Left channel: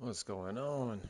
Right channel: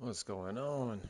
What's going on?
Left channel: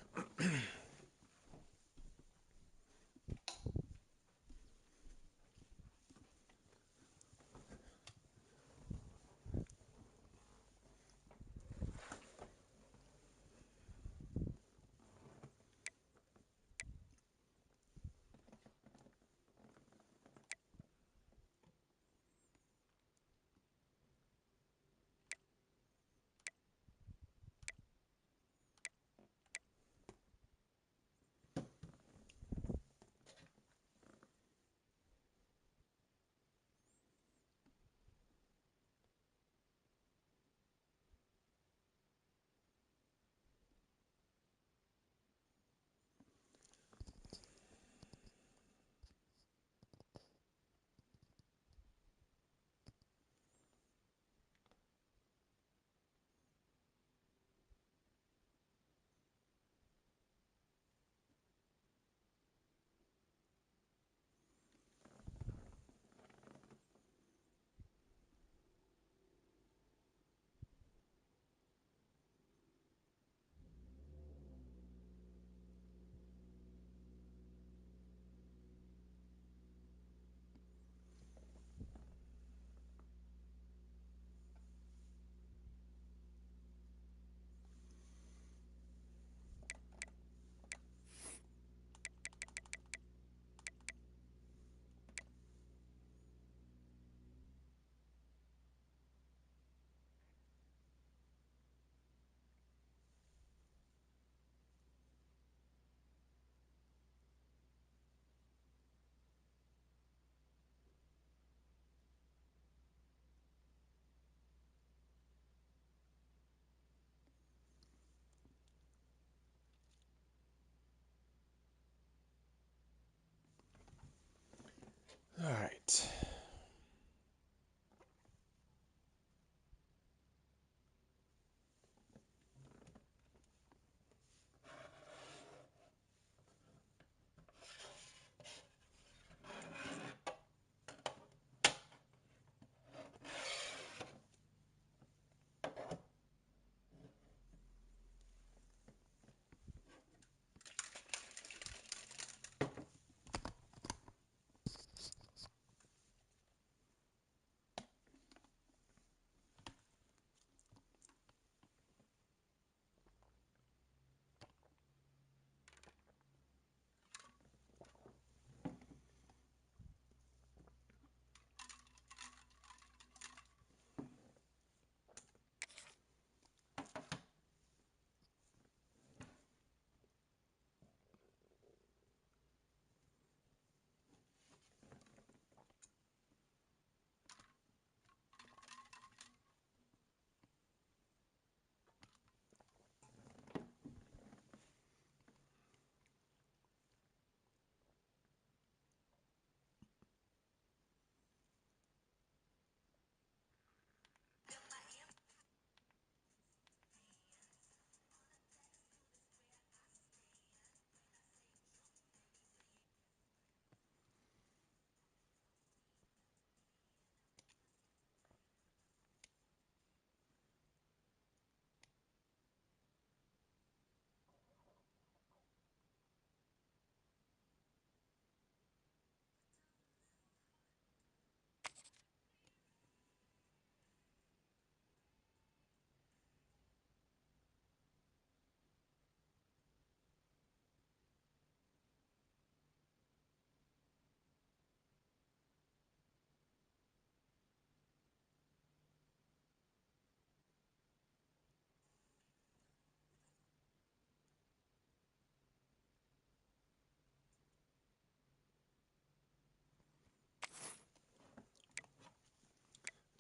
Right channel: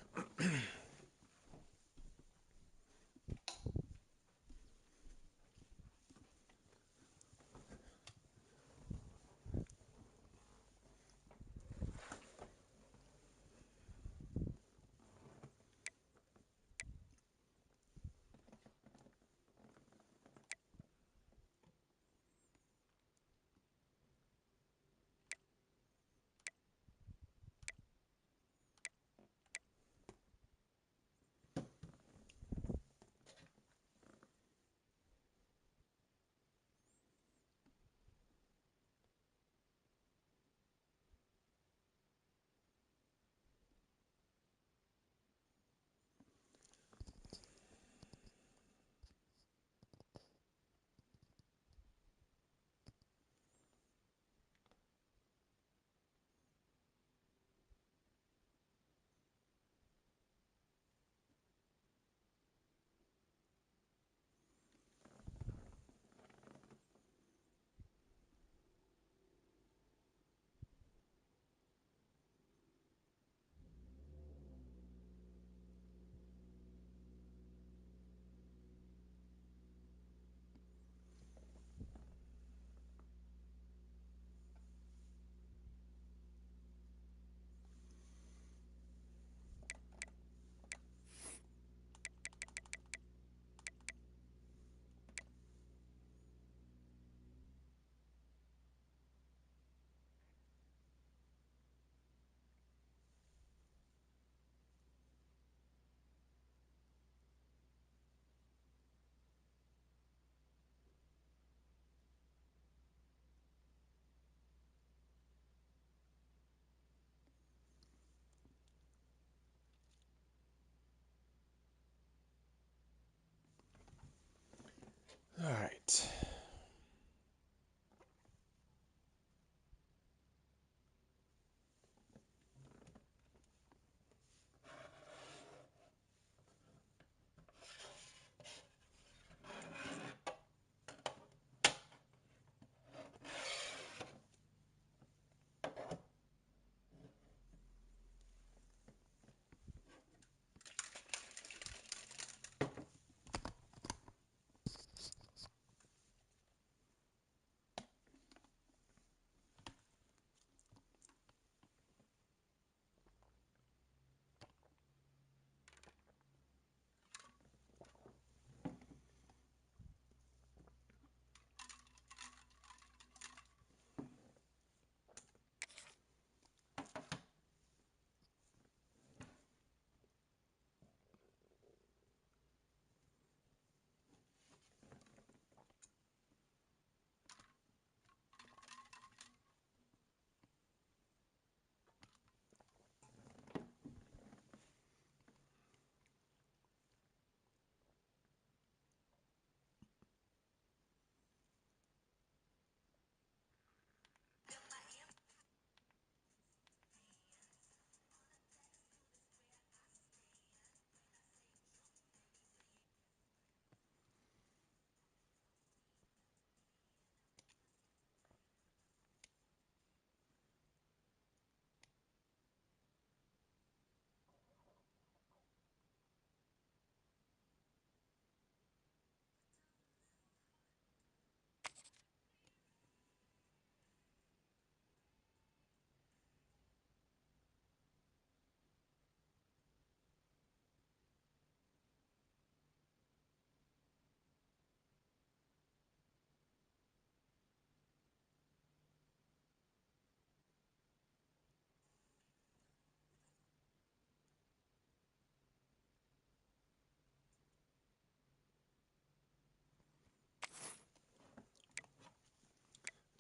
All right.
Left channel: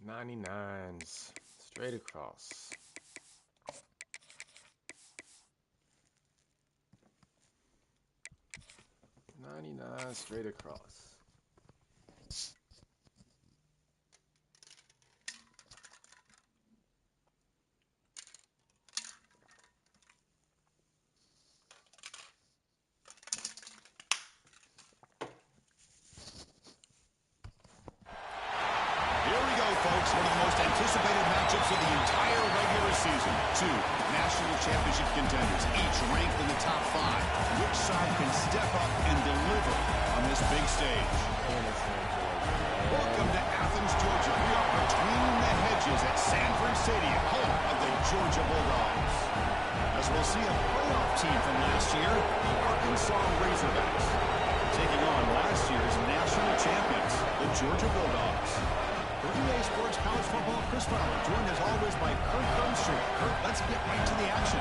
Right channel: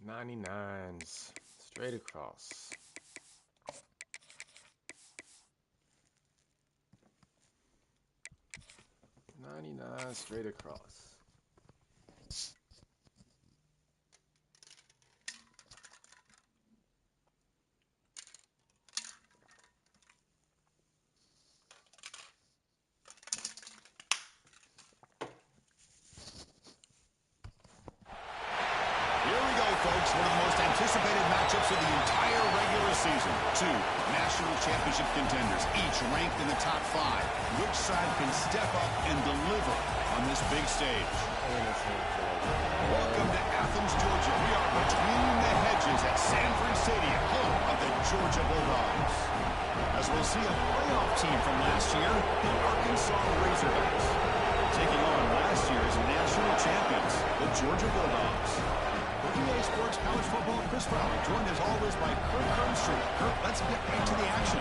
'99s straight across. 99 straight across. Here we go, folks. 6, one of the most anticipated matchups of the entire regular season. 2 national championship contenders, each ranked in the top 5. Which side can step up and deliver on this big stage? Welcome to Athens, Georgia. We are between the hedges at Szn2 Stadium, home of the Georgia Bulldogs. As we'll see a playoff team from last year, the Arkansas Razorbacks, taking on last year's national champions, the Georgia Bulldogs. For EA Sports College Football, Chris Fowler, joined as always by Kurt Hermstreet. Kurt, let's get right to the action.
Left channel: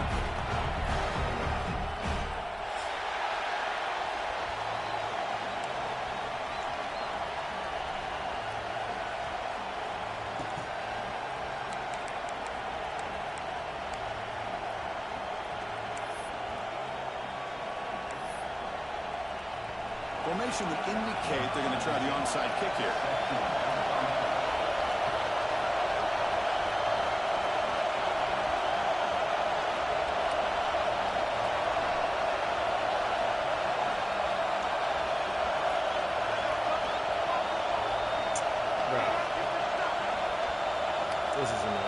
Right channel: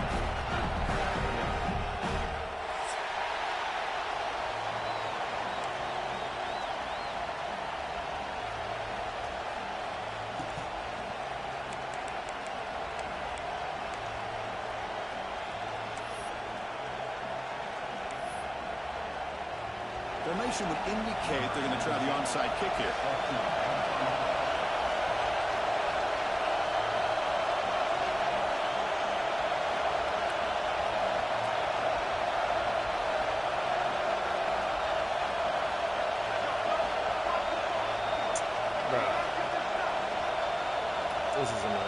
Formation would indicate they're going to try the onside kick here. Bro. This is annoying.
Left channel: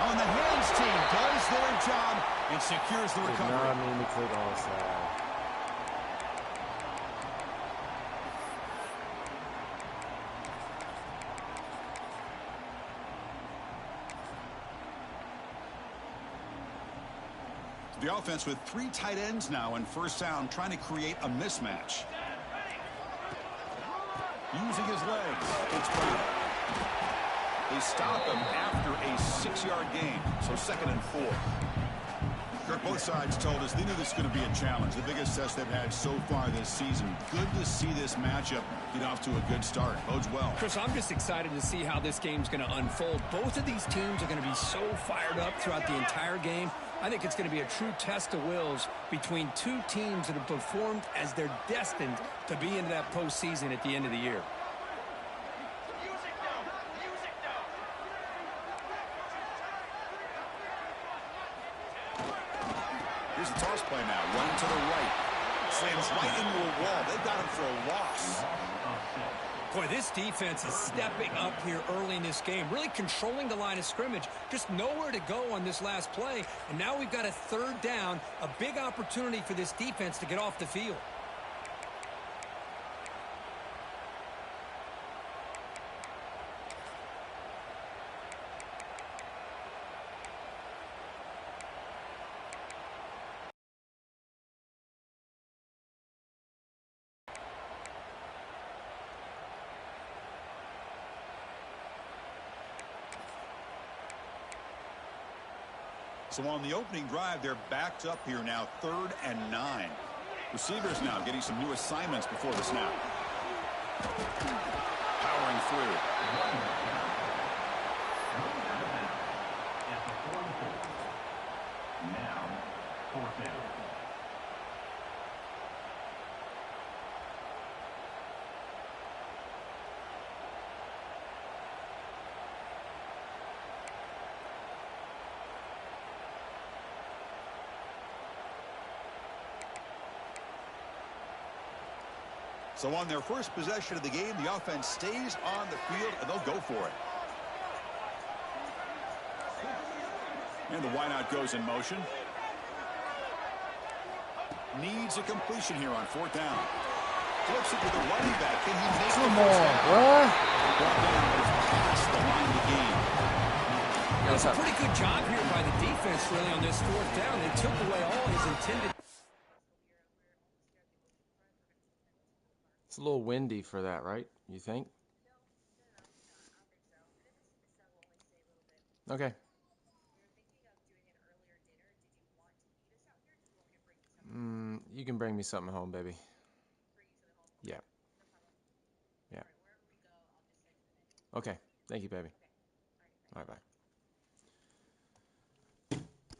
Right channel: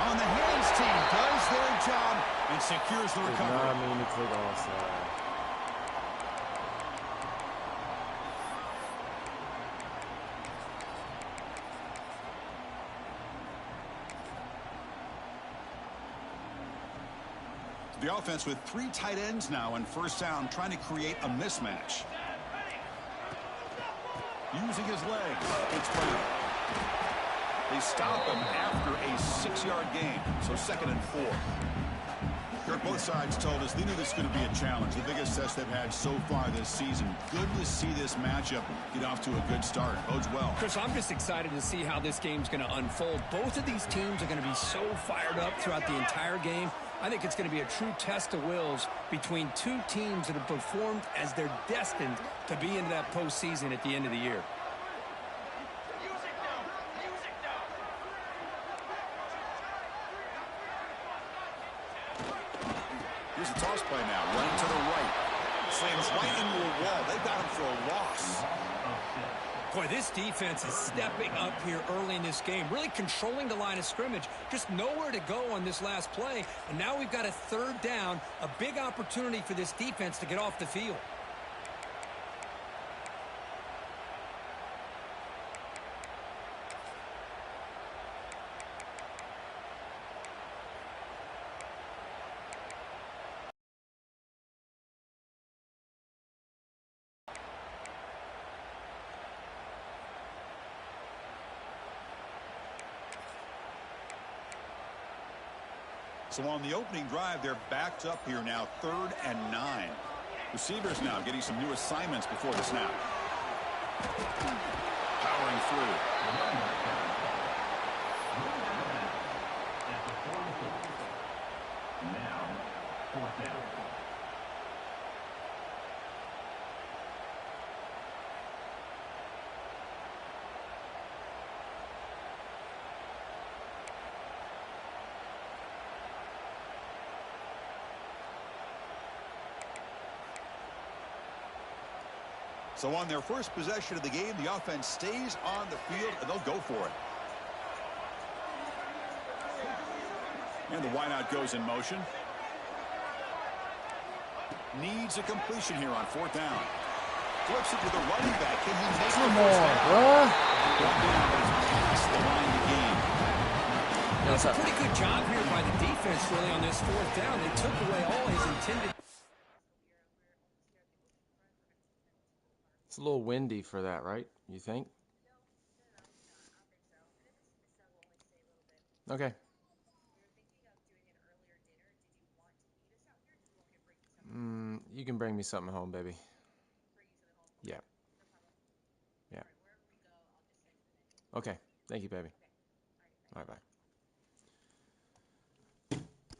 On the hands team does their job and secures the recovery. Did not mean to click onside. The offense with 3 tight ends now on first down, trying to create a mismatch. Using his legs, it's Brown. They stop him after a 6-yard gain, so 2nd and 4. Kirk, both sides told us they knew this was going to be a challenge, the biggest test they've had so far this season. Good to see this matchup get off to a good start. Bodes well. Chris, I'm just excited to see how this game's going to unfold. Both of these teams are going to be so fired up throughout the entire game. I think it's going to be a true test of wills between 2 teams that have performed as they're destined to be into that postseason at the end of the year. Here's a toss play now, running to the right. Slams right into a wall. They've got him for a loss. Boy, this defense is stepping up here early in this game, really controlling the line of scrimmage, just nowhere to go on this last play. And now we've got a 3rd down, a big opportunity for this defense to get off the field. So on the opening drive, they're backed up here now, 3rd and 9. Receivers now getting some new assignments before the snap. Powering through. Now, 4th down. So on their first possession of the game, the offense stays on the field, and they'll go for it. And the wideout goes in motion. Needs a completion here on 4th down. Flips it to the running back. Can he make the first down? Bruh. Brought down, but it's past the line to gain. It's a pretty good job here by the defense, really, on this 4th down. They took away all his intended. It's a little windy for that, right? You think? Okay. You can bring me something home, baby. Yeah. Yeah. Okay. Thank you, baby. Bye-bye.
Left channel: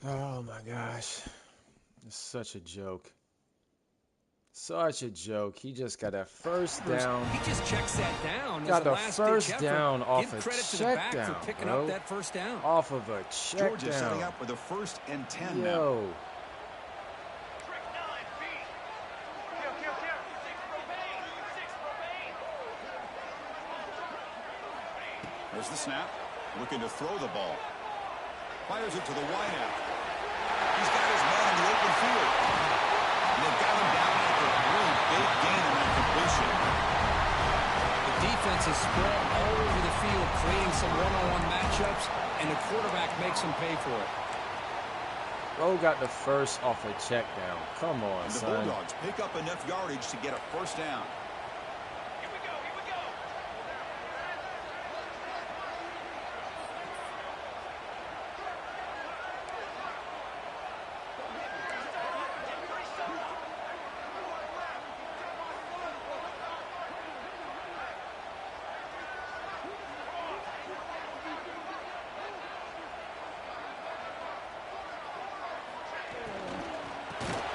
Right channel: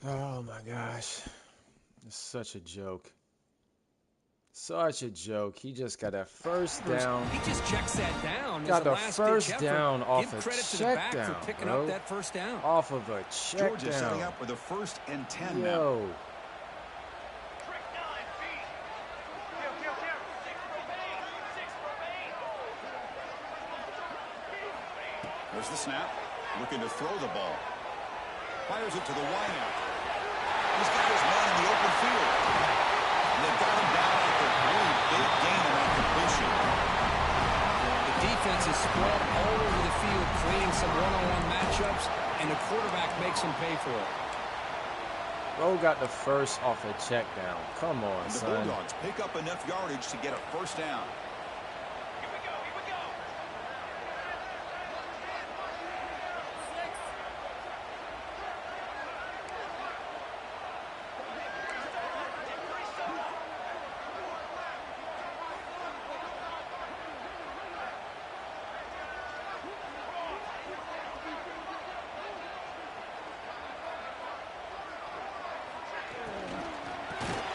Oh, my gosh. It's such a joke. Such a joke. He just got that first down. He just checks that down. Got the first down off a check down, for picking bro. up that first down. Off of a check down. Georgia setting up with a 1st and 10 now. Yo. There's the snap. Looking to throw the ball. Fires it to the wideout. He's got his man in the open field. And they've got him down after a really big gain on that completion. The defense is spread all over the field, creating some one-on-one matchups, and the quarterback makes them pay for it. Bro got the first off a check down. Come on, and the son. Bulldogs pick up enough yardage to get a first down. Here we go, here we go.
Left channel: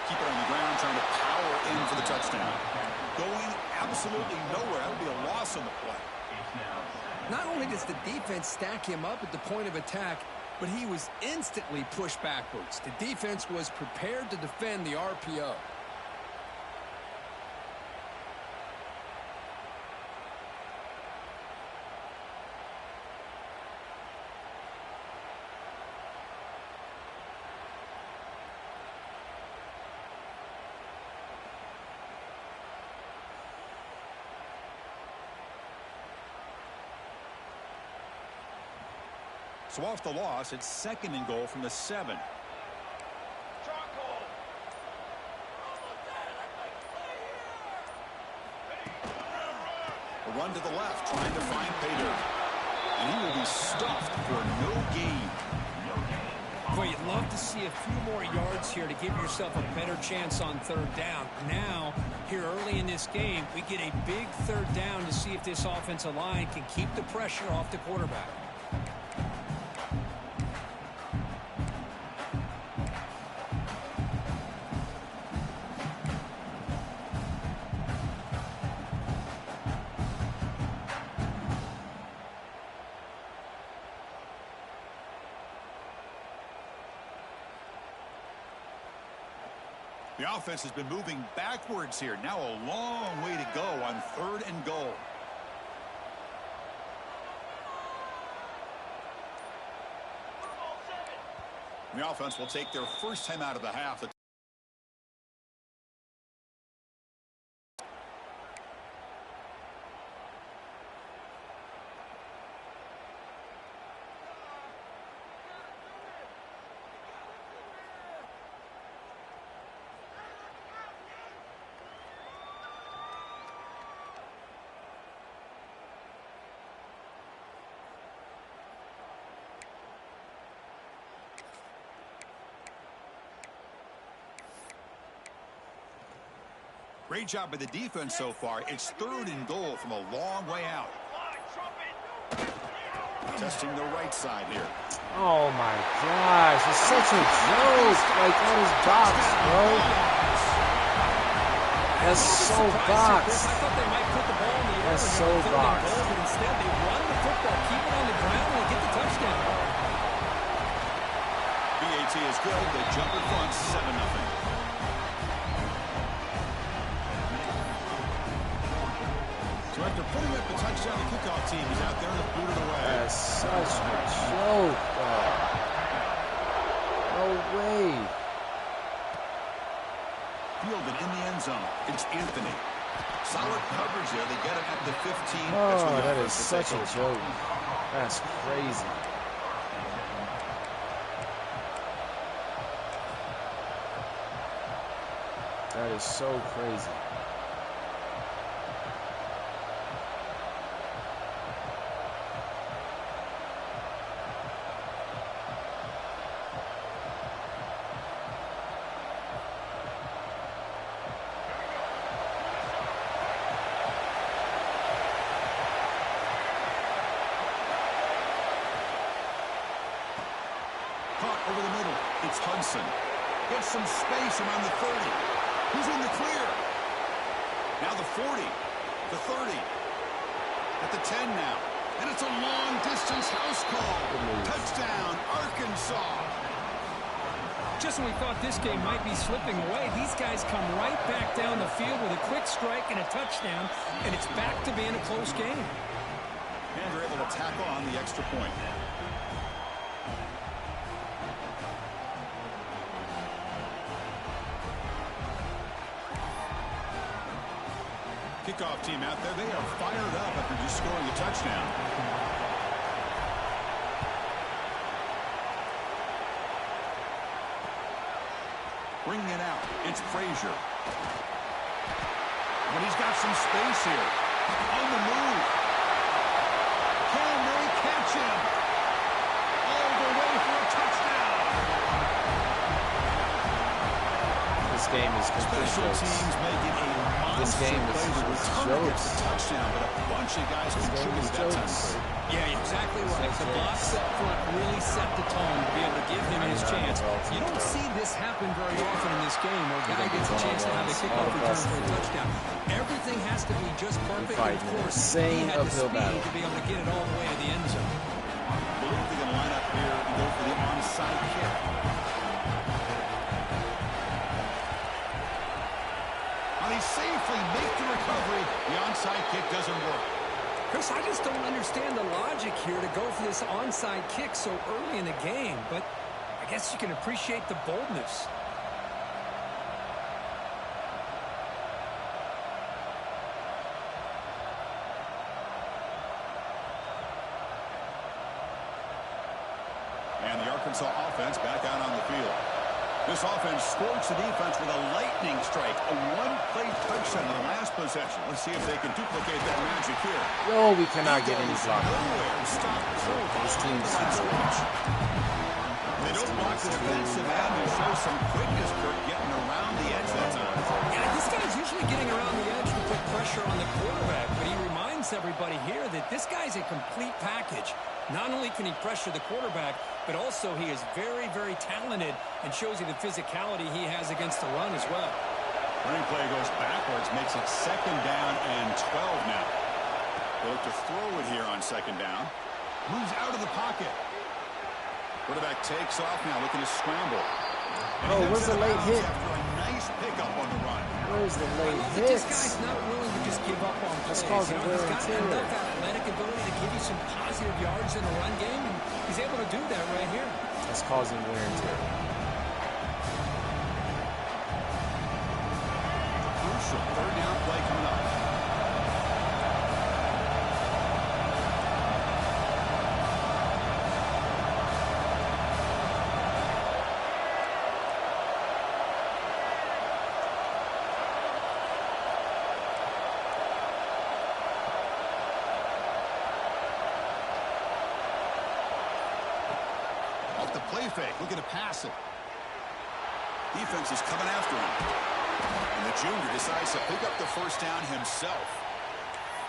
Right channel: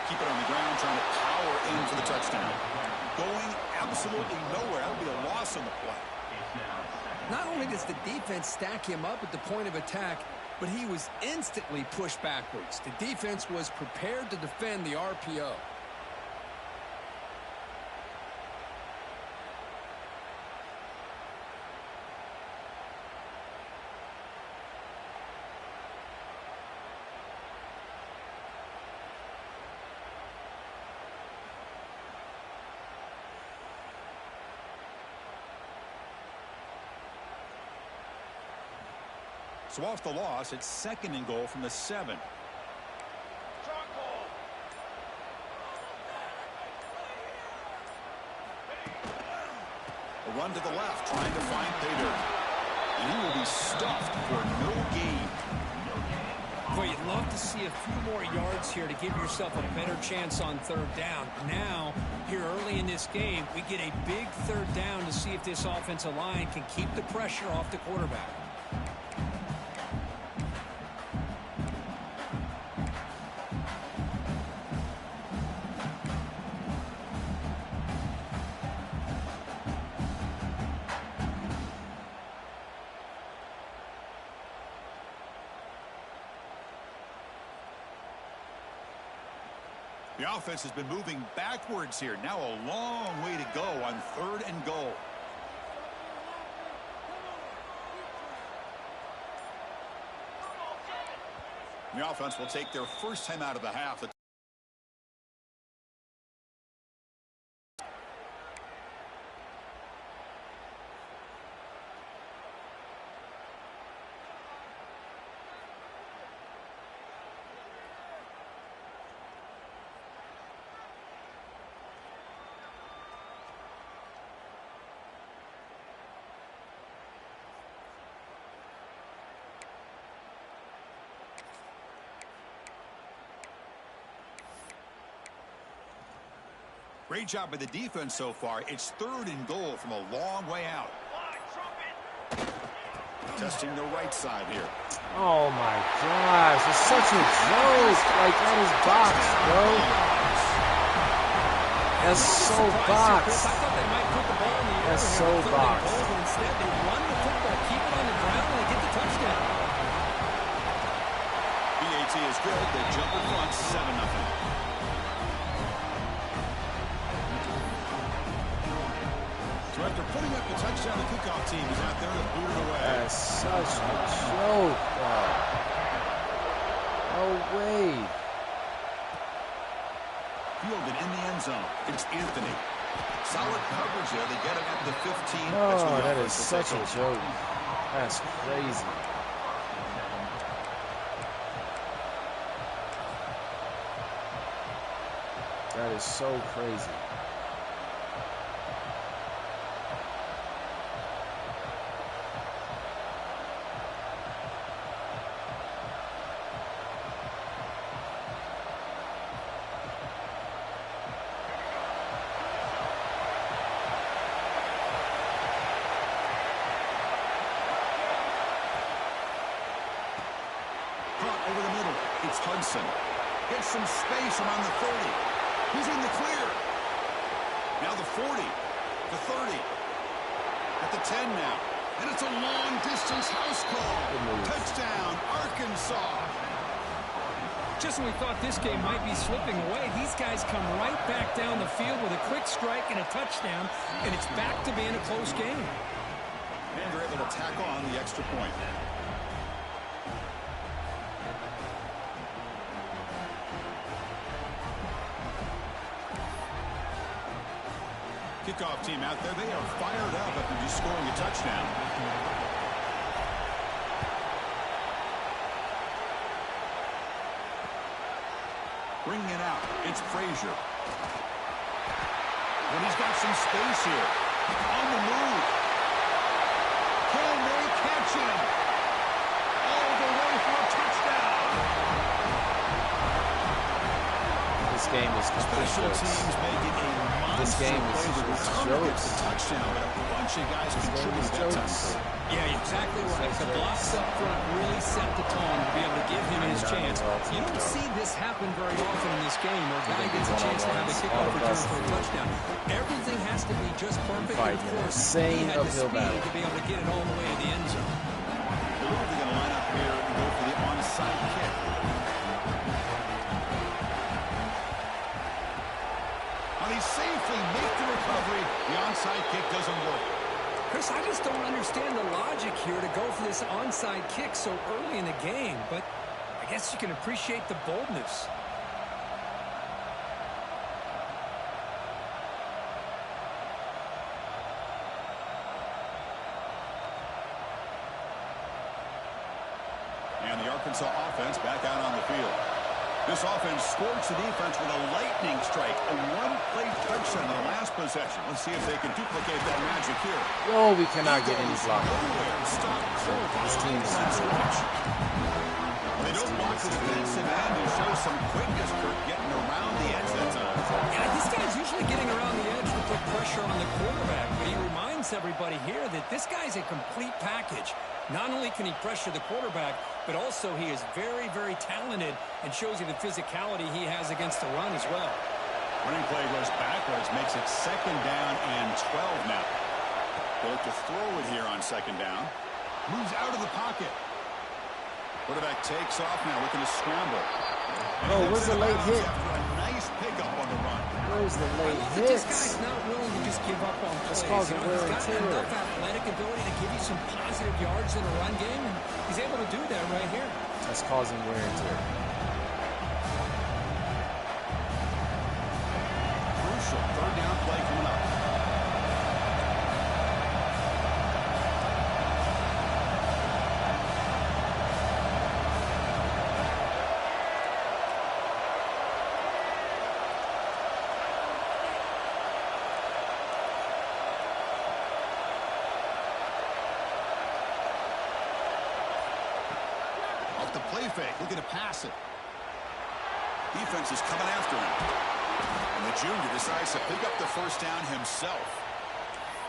Keep it on the ground, trying to power in for the touchdown. Going absolutely nowhere. That would be a loss on the play. Not only does the defense stack him up at the point of attack, but he was instantly pushed backwards. The defense was prepared to defend the RPO. So off the loss, it's 2nd and goal from the 7. Strong goal. A run to the left, trying to find Pater. And he will be stuffed for no gain. Boy, you'd love to see a few more yards here to give yourself a better chance on 3rd down. Now, here early in this game, we get a big 3rd down to see if this offensive line can keep the pressure off the quarterback. The offense has been moving backwards here. Now a long way to go on 3rd and goal. The offense will take their first time out of the half. Great job by the defense so far. It's 3rd and goal from a long way out. Testing the right side here. Oh my gosh, it's such a joke. Like, that is box, bro. That's so box. I thought they might put the ball in the air. That's so box. But instead, they run the football, keep it on the ground, and they get the touchdown. BAT is good. They jump in front, 7-0. So after putting up the touchdown, the kickoff team is out there to boot it away. That's such a joke, dog. No way. Fielded in the end zone. It's Anthony. Solid coverage there. They get it at the 15. Oh, that is such a joke. That's crazy. That is so crazy. Over the middle, it's Hudson. Gets some space around the 30. He's in the clear. Now the 40, the 30, at the 10 now. And it's a long-distance house call. Touchdown, Arkansas. Just when we thought this game might be slipping away, these guys come right back down the field with a quick strike and a touchdown, and it's back to being a close game. And they're able to tackle on the extra point. Kickoff team out there. They are fired up after just scoring a touchdown. Bringing it out. It's Frazier. When he's got some space here. On the move. Can they catch him? All the way for a touchdown. This game is complete Special jokes. teams making a This monster game play to is return against jokes. the touchdown, but a bunch of guys This game contributed is that time. jokes. Yeah, exactly right. The blocks up front really set the tone to be able to give him his chance. You don't see this happen very often in this game where a guy gets a chance to have a kickoff return for a touchdown. Everything has to be just perfect. And of course, he had the speed to be able to get it all the way to the end zone. I believe they're going to line up here and go for the onside kick. Now they safely make the recovery. The onside kick doesn't work. Chris, I just don't understand the logic here to go for this onside kick so early in the game, but I guess you can appreciate the boldness. And the Arkansas offense back out on the field. This offense scorched the defense with a lightning strike, a one-play touchdown in the last possession. Let's see if they can duplicate that magic here. Yo, we cannot get any block. Nowhere. Stop. This team's They don't block the defensive end and show some quickness, Kirk, getting around the edge that time. Yeah, this guy's usually getting around the edge to put pressure on the quarterback, but he reminds everybody here that this guy's a complete package. Not only can he pressure the quarterback, but also he is very, very talented and shows you the physicality he has against the run as well. Running play goes backwards, makes it 2nd down and 12 now. They'll look to throw it here on 2nd down. Moves out of the pocket. Quarterback takes off now, looking to scramble. Bro, where's the late hit? After a nice pickup on the run. Where's the late This hit? guy's not willing to just give up on plays. That's causing He's wear and got tear. enough athletic ability to give you some positive yards in the run game, and he's able to do that right here. That's causing wear and tear. Crucial 3rd down play coming up. Off the play fake, looking to pass it. Defense is coming after him. And the junior decides to pick up the 1st down himself.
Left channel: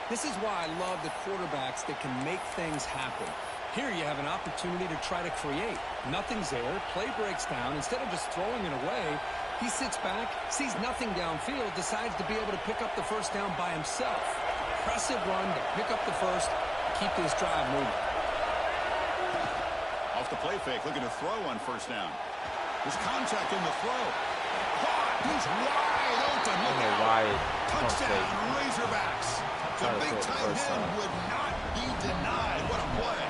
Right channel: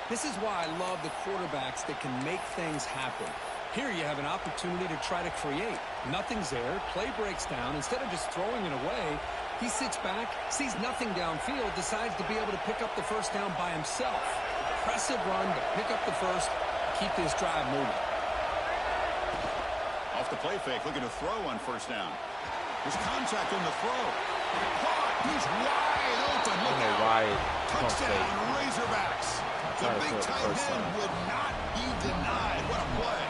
This is why I love the quarterbacks that can make things happen. Here you have an opportunity to try to create. Nothing's there. Play breaks down. Instead of just throwing it away, he sits back, sees nothing downfield, decides to be able to pick up the 1st down by himself. Impressive run to pick up the 1st, keep this drive moving. Off the play fake, looking to throw on 1st down. There's contact on the throw. Caught. He's wide open. I Look don't know out. why it pump Touchdown, fake. Razorbacks. The Try to big throw it the tight first end time. would not be denied. What a play.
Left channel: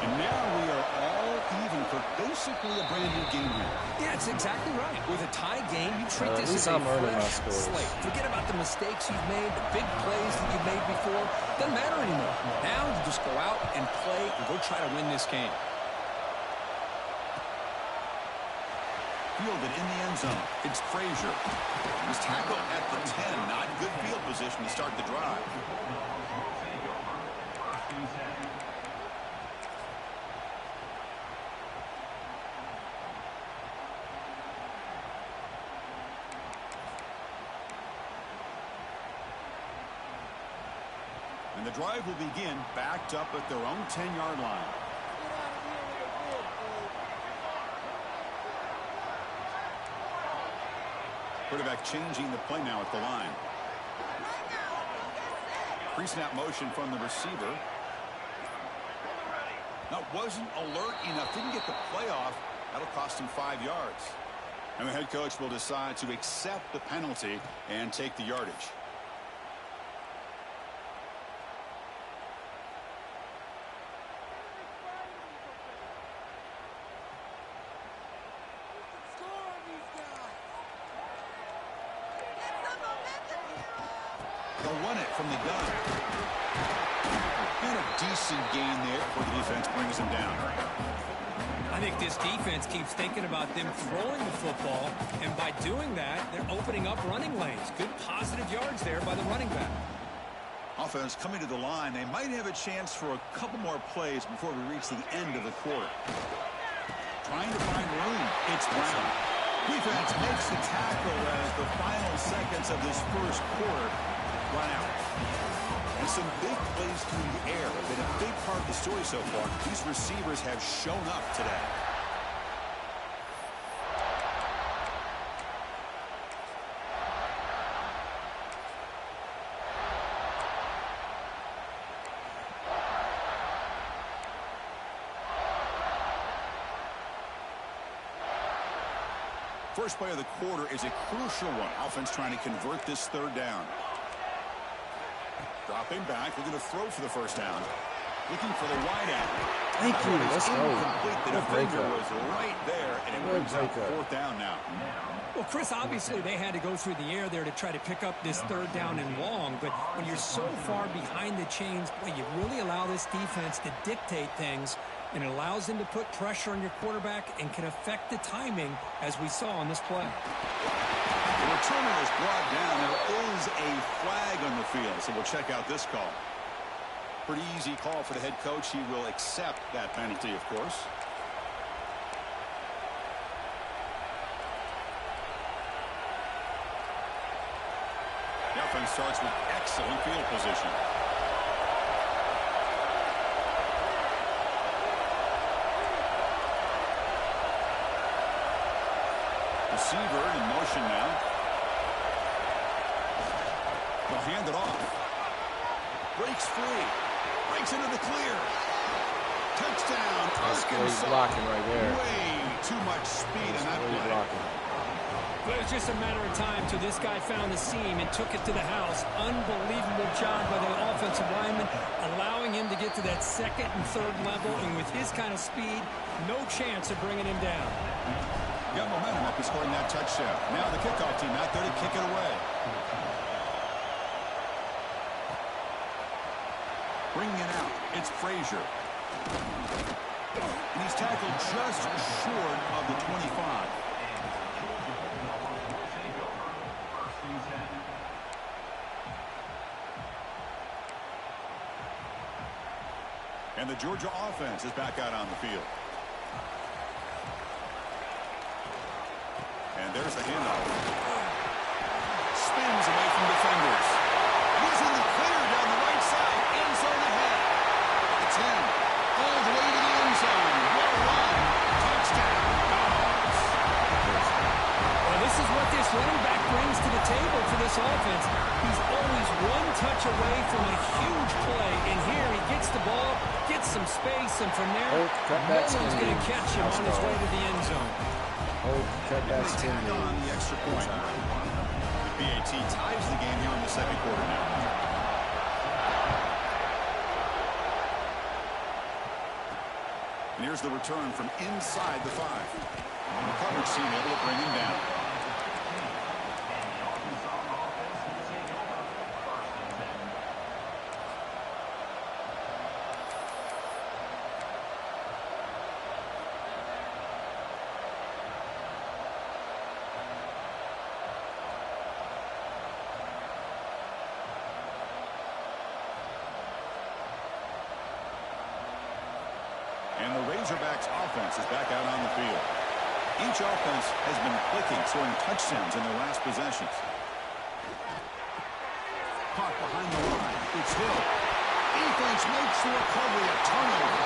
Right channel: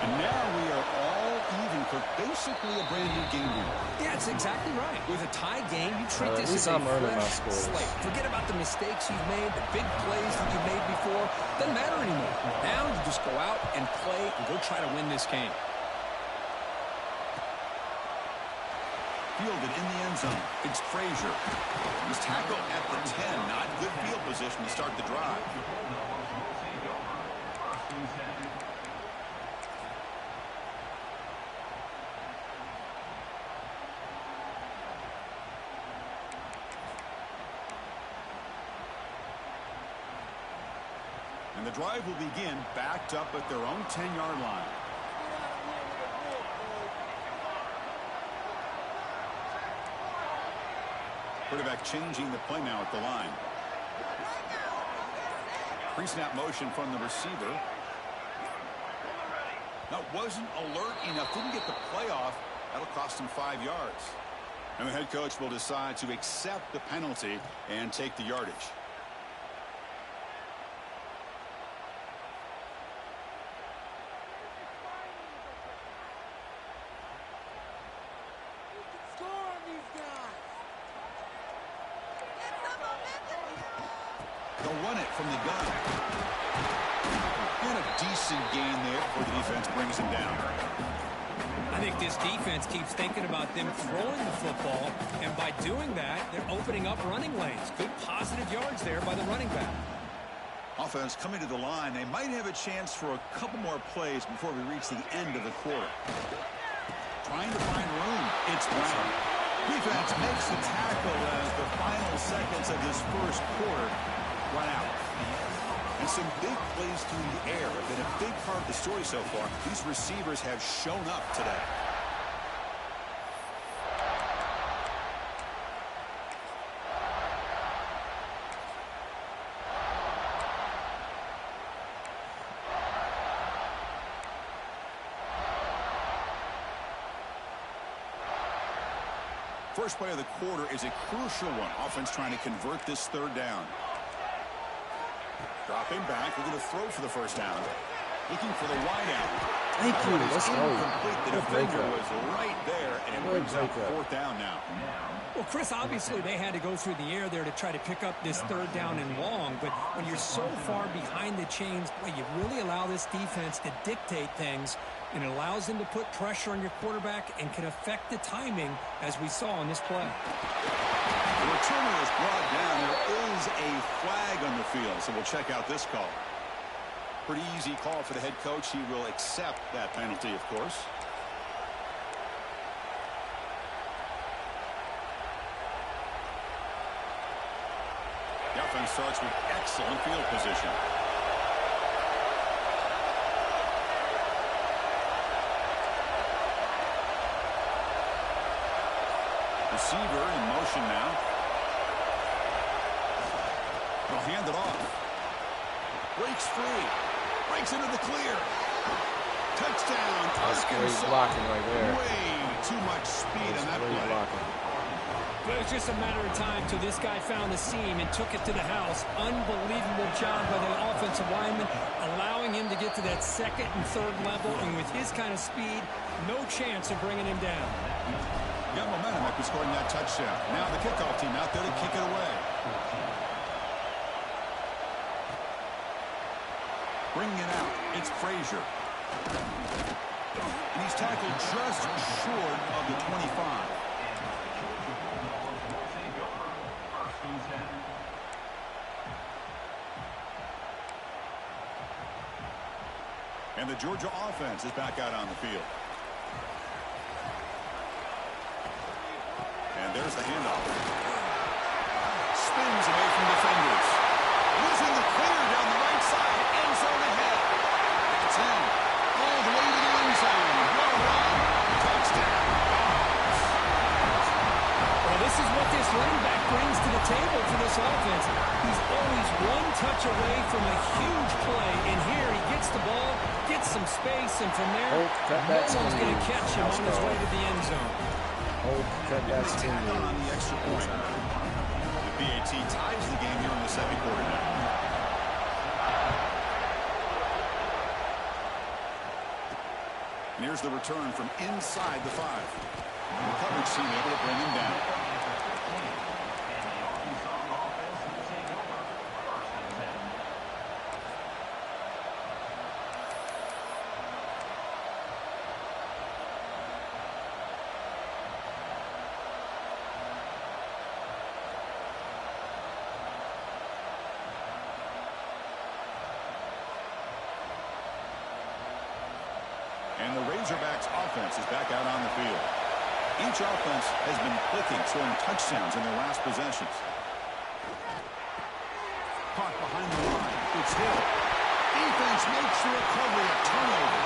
And now we are all even for basically a brand new game here. Yeah, it's exactly right. With a tie game, you treat At this least as a I'm earning my fresh scores. slate. Forget about the mistakes you've made, the big plays that you've made before. Doesn't matter anymore. Now you just go out and play and go try to win this game. Fielded in the end zone. It's Frazier. He's tackled at the 10. Not good field position to start the drive. And the drive will begin backed up at their own 10-yard line. Quarterback changing the play now at the line. Pre-snap motion from the receiver. Now wasn't alert enough. Didn't get the play off. That'll cost him 5 yards. And the head coach will decide to accept the penalty and take the yardage. They'll run it from the gun. And a decent gain there before the defense brings him down. I think this defense keeps thinking about them throwing the football, and by doing that, they're opening up running lanes. Good positive yards there by the running back. Offense coming to the line. They might have a chance for a couple more plays before we reach the end of the quarter. Trying to find room. It's Brown. Defense makes the tackle as the final seconds of this first quarter run out. And some big plays through the air have been a big part of the story so far. These receivers have shown up today. First play of the quarter is a crucial one. Offense trying to convert this third down. Dropping back, looking to throw for the first down. Looking for the wide out. Thank you. Let's go. The defender was right there, and it brings up fourth down now. Well, Chris, obviously they had to go through the air there to try to pick up this third down and long, but when you're so far behind the chains, boy, you really allow this defense to dictate things, and it allows them to put pressure on your quarterback and can affect the timing, as we saw on this play. The returner is brought down. There is a flag on the field, so we'll check out this call. Pretty easy call for the head coach. He will accept that penalty, of course. The offense starts with excellent field position. Receiver in motion now. They'll hand it off. Breaks free. Breaks into the clear. Touchdown, That's great Arkansas. blocking right there. Way too much speed in that Great play. blocking. But it was just a matter of time till this guy found the seam and took it to the house. Unbelievable job by the offensive lineman, allowing him to get to that second and third level, and with his kind of speed, no chance of bringing him down. Got momentum after scoring that touchdown. Now the kickoff team out there to kick it away. Bringing it out, it's Frazier. And he's tackled just short of the 25. And the Georgia offense is back out on the field. And there's the handoff. Spins away from defenders. And he's in the clear down the right side. End zone ahead. It's in. All the way to the end zone. Well run. Touchdown. Dogs. Well, this is what this running back brings to the table for this offense. He's always one touch away from a huge play. And here he gets the ball, gets some space, and from there, no one's going to catch him on his way to the end zone. Cut that spin Tack on the extra point. The PAT ties the game here in the second quarter now. And here's the return from inside the 5. The coverage team able to bring him down. And the Razorbacks offense is back out on the field. Each offense has been clicking, scoring touchdowns in their last possessions. Caught behind the line. It's Hill. Defense makes the recovery a turnover.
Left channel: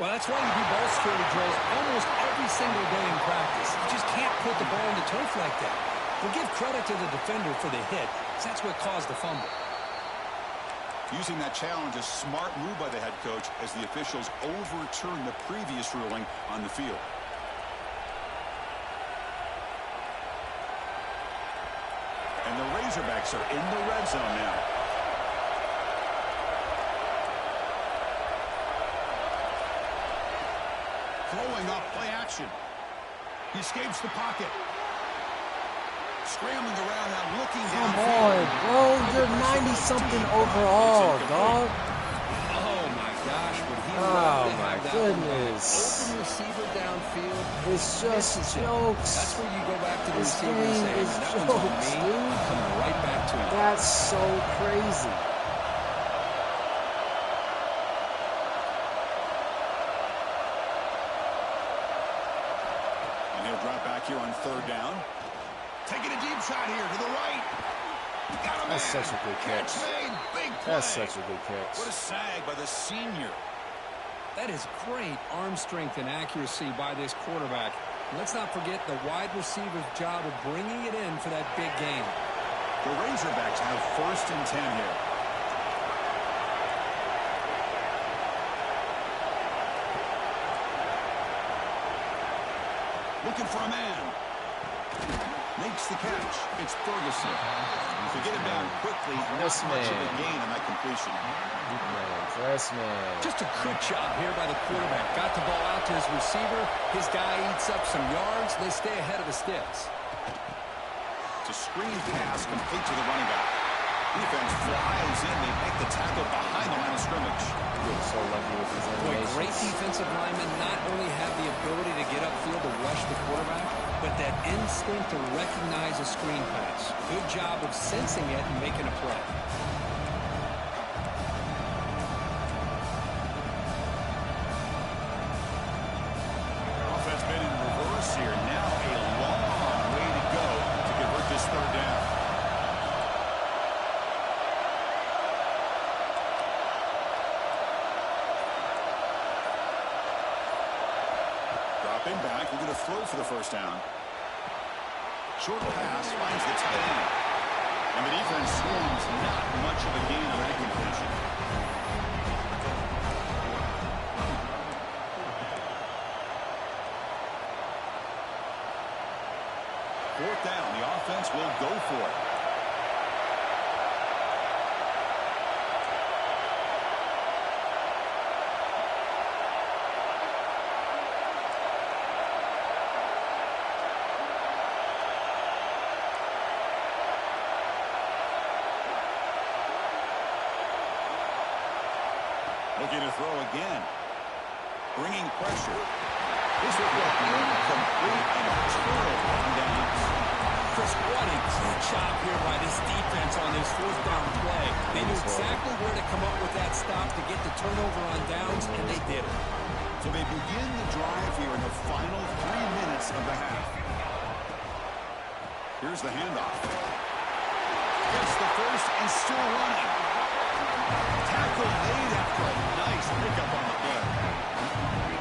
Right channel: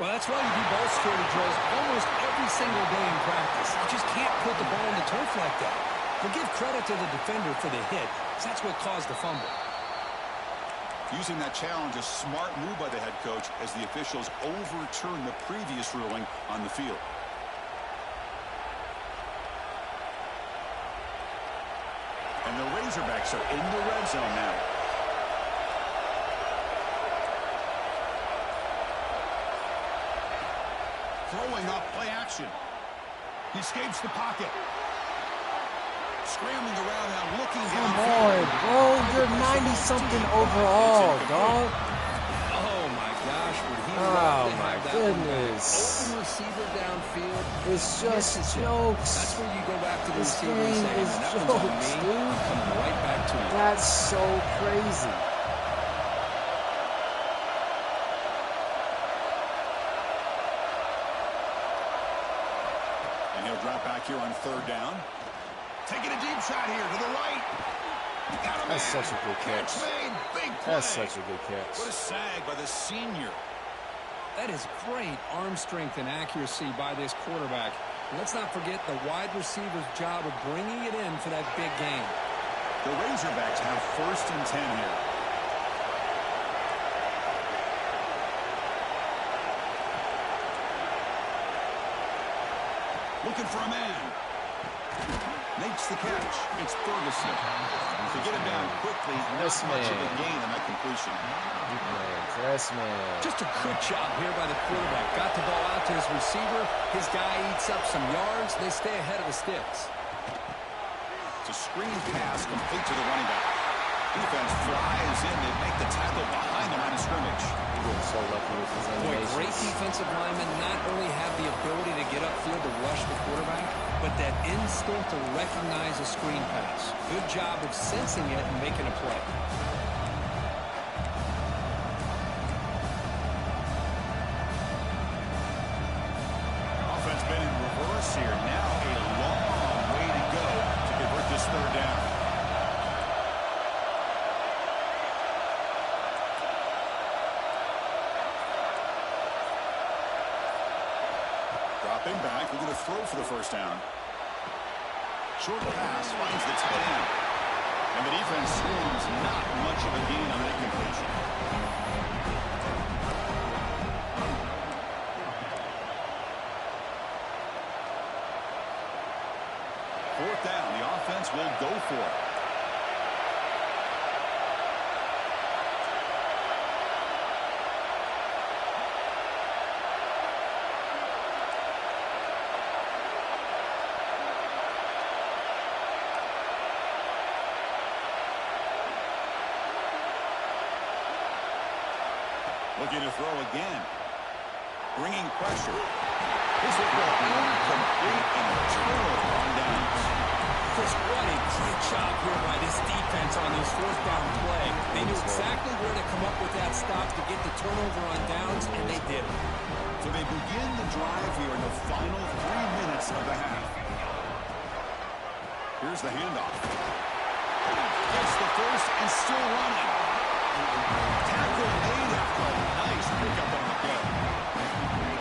Well, that's why you do ball security drills almost every single day in practice. You just can't put the ball in the turf like that. We'll give credit to the defender for the hit, because that's what caused the fumble. Using that challenge, a smart move by the head coach as the officials overturn the previous ruling on the field. And the Razorbacks are in the red zone now. Throwing off play action. He escapes the pocket. Scrambling around now, looking Come downfield. on, bro. You're 90-something overall, dog. Oh, my gosh. Would he Oh, love to my have that goodness. one back. Open receiver downfield. It's just misses it. jokes. That's where you go back to the This receiver and game say, is man, that one's on jokes, me. dude. I'm coming right back to you. That's so crazy. And he'll drop back here on 3rd down. Taking a deep shot here to the right. Got a man. That's such a good catch. Made. Big play. That's such a good catch. What a sag by the senior. That is great arm strength and accuracy by this quarterback. Let's not forget the wide receiver's job of bringing it in for that big game. The Razorbacks have 1st and 10 here. Looking for a man. Makes the catch. It's Ferguson. To get him down quickly, not Yes, much of a man. gain on that completion. Deep man, press man. Just a good job here by the quarterback. Got the ball out to his receiver. His guy eats up some yards. They stay ahead of the sticks. It's a screen pass complete to the running back. Defense flies in. They make the tackle behind the line of scrimmage. You're getting so lucky with these Boy, animations. great defensive linemen not only have the ability to get upfield to rush the quarterback, but that instinct to recognize a screen pass. Good job of sensing it and making a play. Offense been in reverse here. Now a long way to go to convert this 3rd down. Dropping back, looking to throw for the 1st down. Short pass finds the tight end. And the defense swarms, not much of a gain on that completion. Fourth down, the offense will go for it. Looking to throw again. Bringing pressure. This will go incomplete and a turnover on downs. Chris, what a great job here by this defense on this 4th down play. They knew exactly where to come up with that stop to get the turnover on downs, and they did it. So they begin the drive here in the final 3 minutes of the half. Here's the handoff. Gets the first and still running. Tackle made after a nice pickup on the play.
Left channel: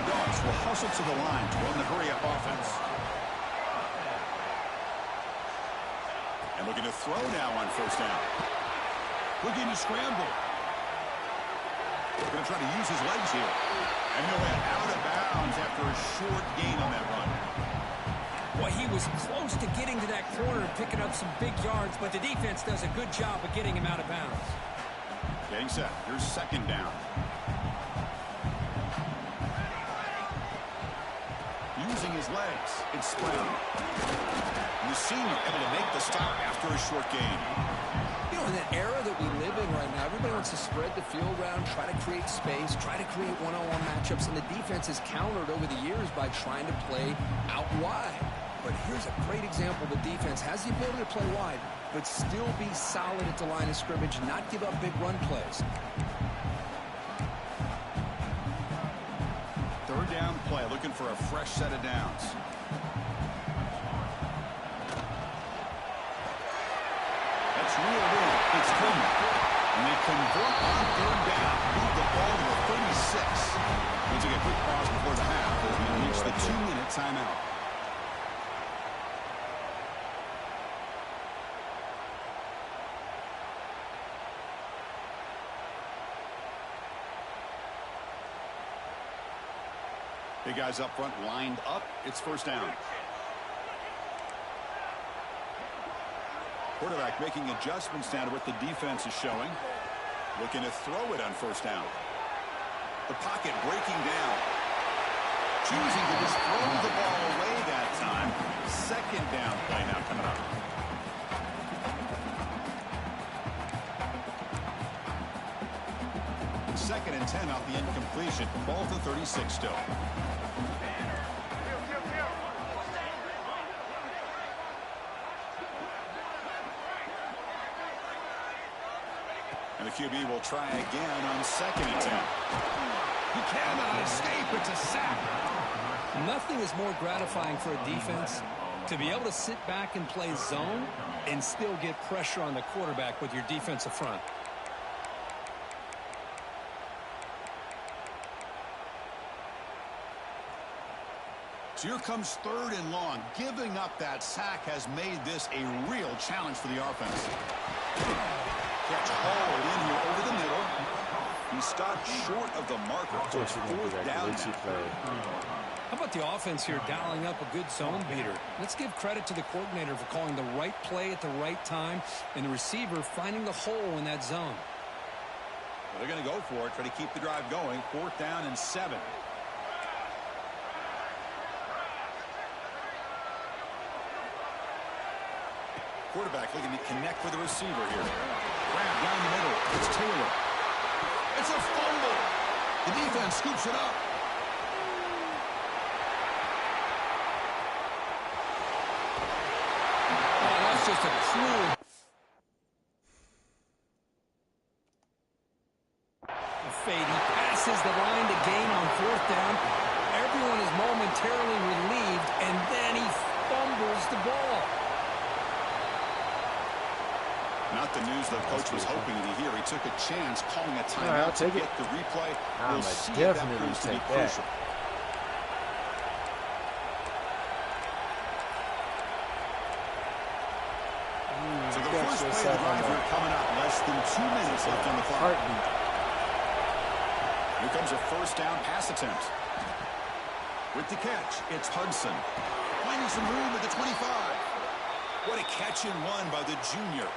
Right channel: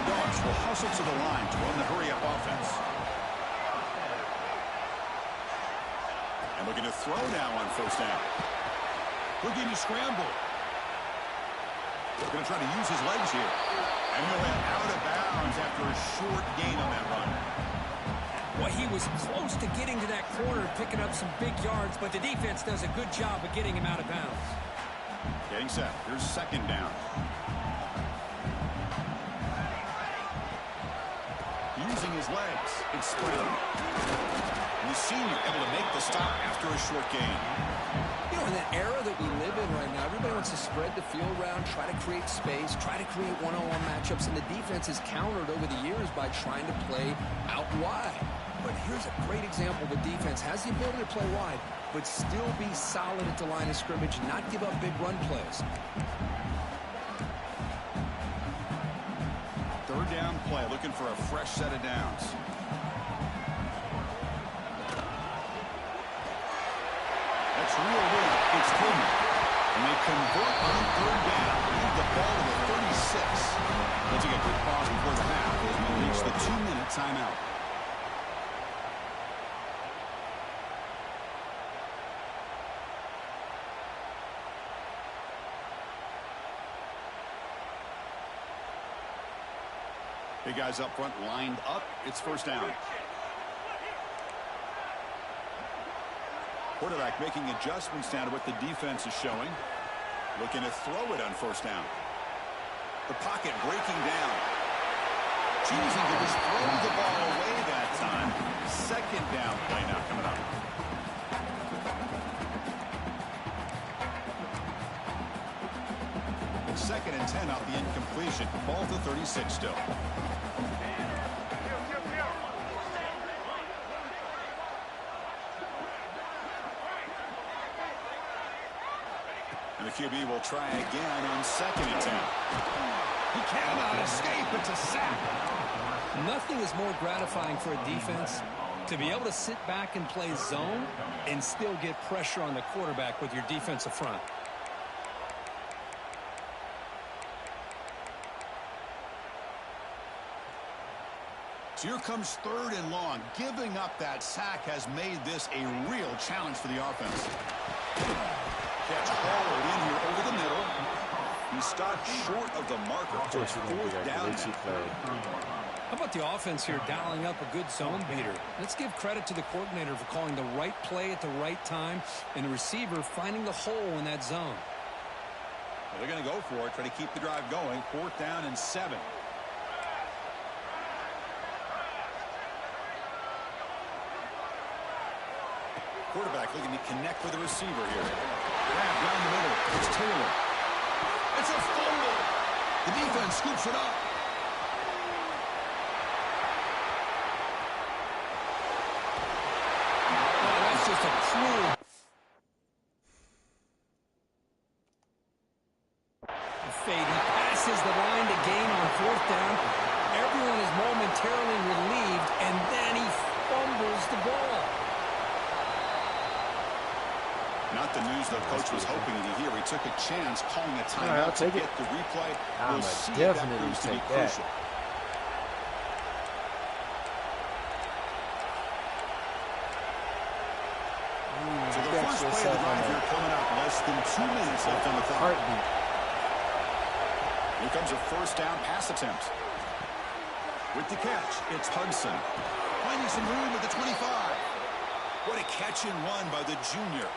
Dogs will hustle to the line to run the hurry-up offense. And looking to throw now on 1st down. Looking to scramble. Going to try to use his legs here. And he'll head out of bounds after a short gain on that run. Well, he was close to getting to that corner and picking up some big yards, but the defense does a good job of getting him out of bounds. Getting set. Here's 2nd down. Using his legs. It's scrambling. And the senior able to make the stop after a short gain. You know, in that era that we live in right now, everybody wants to spread the field around, try to create space, try to create one-on-one matchups, and the defense has countered over the years by trying to play out wide. But here's a great example. The defense has the ability to play wide, but still be solid at the line of scrimmage and not give up big run plays. 3rd down play, looking for a fresh set of downs. That's reeled in. It's Coleman. And they convert on 3rd down. Move the ball to the 36. We'll take a quick pause before the half as we reach the 2-minute timeout. Big guys up front lined up. It's 1st down. Quarterback making adjustments now to what the defense is showing. Looking to throw it on 1st down. The pocket breaking down. Choosing to just throw the ball away that time. 2nd down play now coming up. 2nd and 10 off the incompletion. Ball to 36 still. And the QB will try again on 2nd and 10. He cannot escape. It's a sack. Nothing is more gratifying for a defense to be able to sit back and play zone and still get pressure on the quarterback with your defensive front. So here comes 3rd and long. Giving up that sack has made this a real challenge for the offense. Catch hauled in here over the middle. He stopped short of the marker. So it's 4th down now. How about the offense here dialing up a good zone beater? Let's give credit to the coordinator for calling the right play at the right time and the receiver finding the hole in that zone. Well, they're going to go for it, try to keep the drive going. 4th down and 7. Quarterback looking to connect with the receiver here. Grab down the middle. It's Taylor. It's a fumble. The defense scoops it up. Oh, that's just a cruel. A fade. He passes the line to gain on 4th down. Everyone is momentarily relieved, and then he fumbles the ball. Not the news the coach was hoping to hear. He took a chance calling a timeout I'll take to it. get the replay. I'm We'll see if that definitely proves to be take that. crucial. So the first play of the drive here coming up. Less than 2 minutes left on the clock. Heartbeat. Here comes a 1st down pass attempt. With the catch, it's Hudson. Finding some room at the 25. What a catch and run by the junior.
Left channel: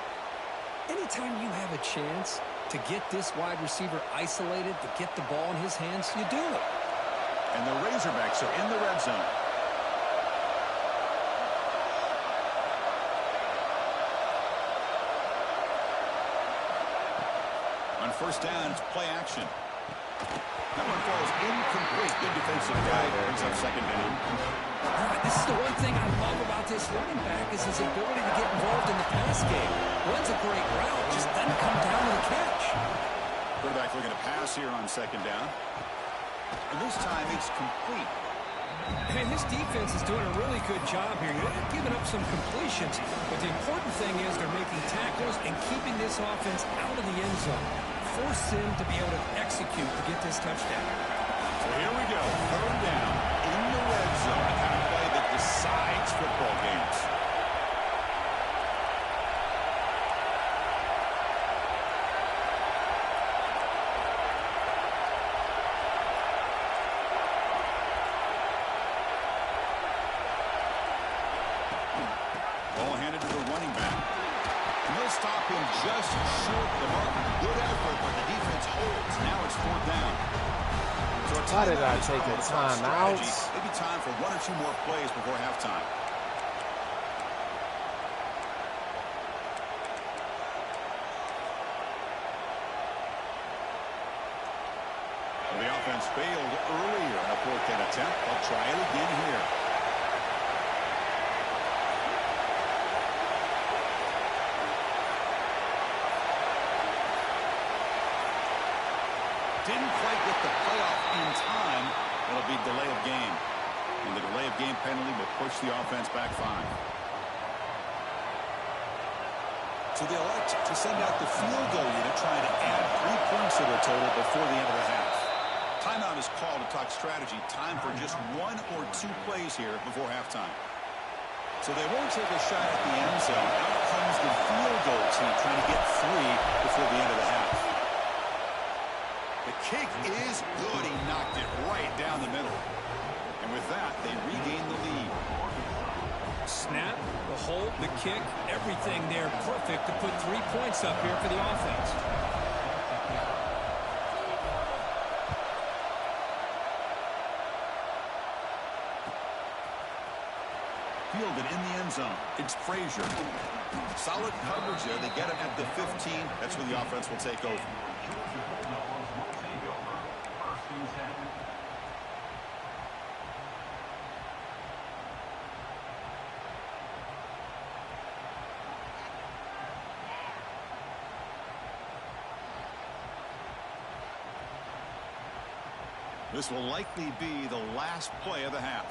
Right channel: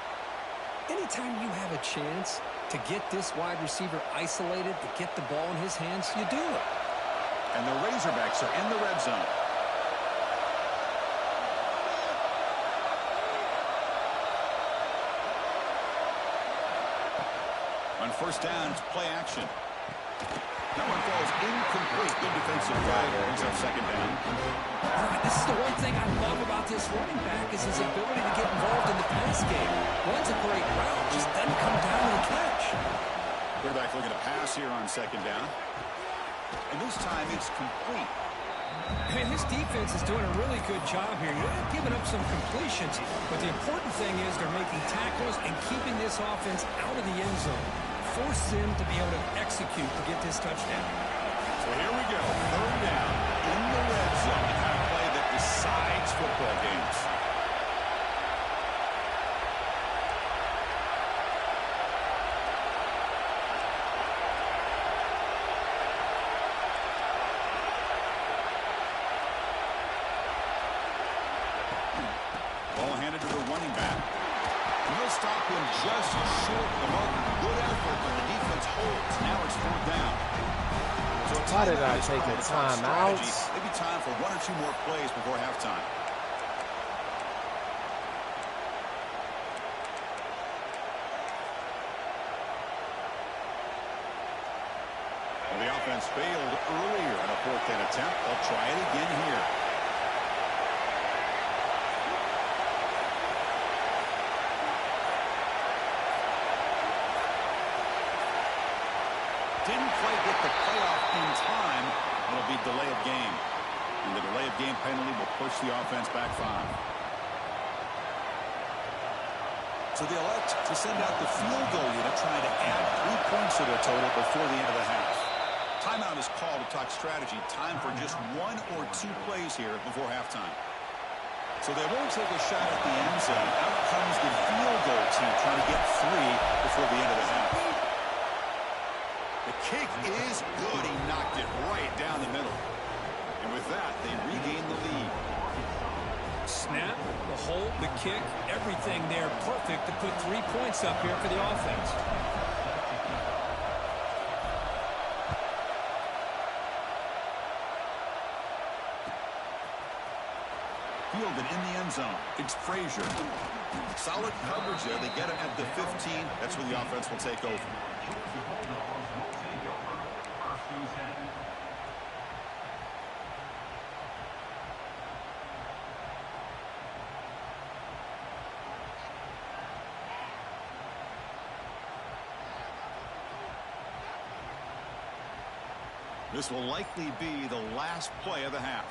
Anytime you have a chance to get this wide receiver isolated, to get the ball in his hands, you do it. And the Razorbacks are in the red zone. On 1st down, it's play action. That one falls incomplete. Good defensive play. Brings up 2nd down. All right, this is the one thing I love about this running back is his ability to get involved in the pass game. Runs a great route, just doesn't come down with a catch. Quarterback looking to pass here on 2nd down. And this time it's complete. And his defense is doing a really good job here. They're giving up some completions, but the important thing is they're making tackles and keeping this offense out of the end zone. Force him to be able to execute to get this touchdown. So here we go. 3rd down in the red zone. The kind of play that decides football games. Ball handed to the running back. And they'll stop him just short of the mark. Good effort, but the defense holds. Now it's 4th down. So Why did I take a timeout? Maybe time for 1 or 2 more plays before halftime. Well, the offense failed earlier in a 4th down attempt. They'll try it again here. Didn't quite get the playoff in time. It'll be delay of game. And the delay of game penalty will push the offense back 5. So they elect to send out the field goal unit, trying to add 3 points to their total before the end of the half. Timeout is called to talk strategy. Time for just 1 or 2 plays here before halftime. So they won't take a shot at the end zone. Out comes the field goal team trying to get 3 before the end of the half. The kick is good. He knocked it right down the middle. And with that, they regain the lead. Snap, the hold, the kick, everything there perfect to put 3 points up here for the offense. Fielded in the end zone. It's Frazier. Solid coverage there. They get him at the 15. That's where the offense will take over. and 10. This will likely be the last play of the half.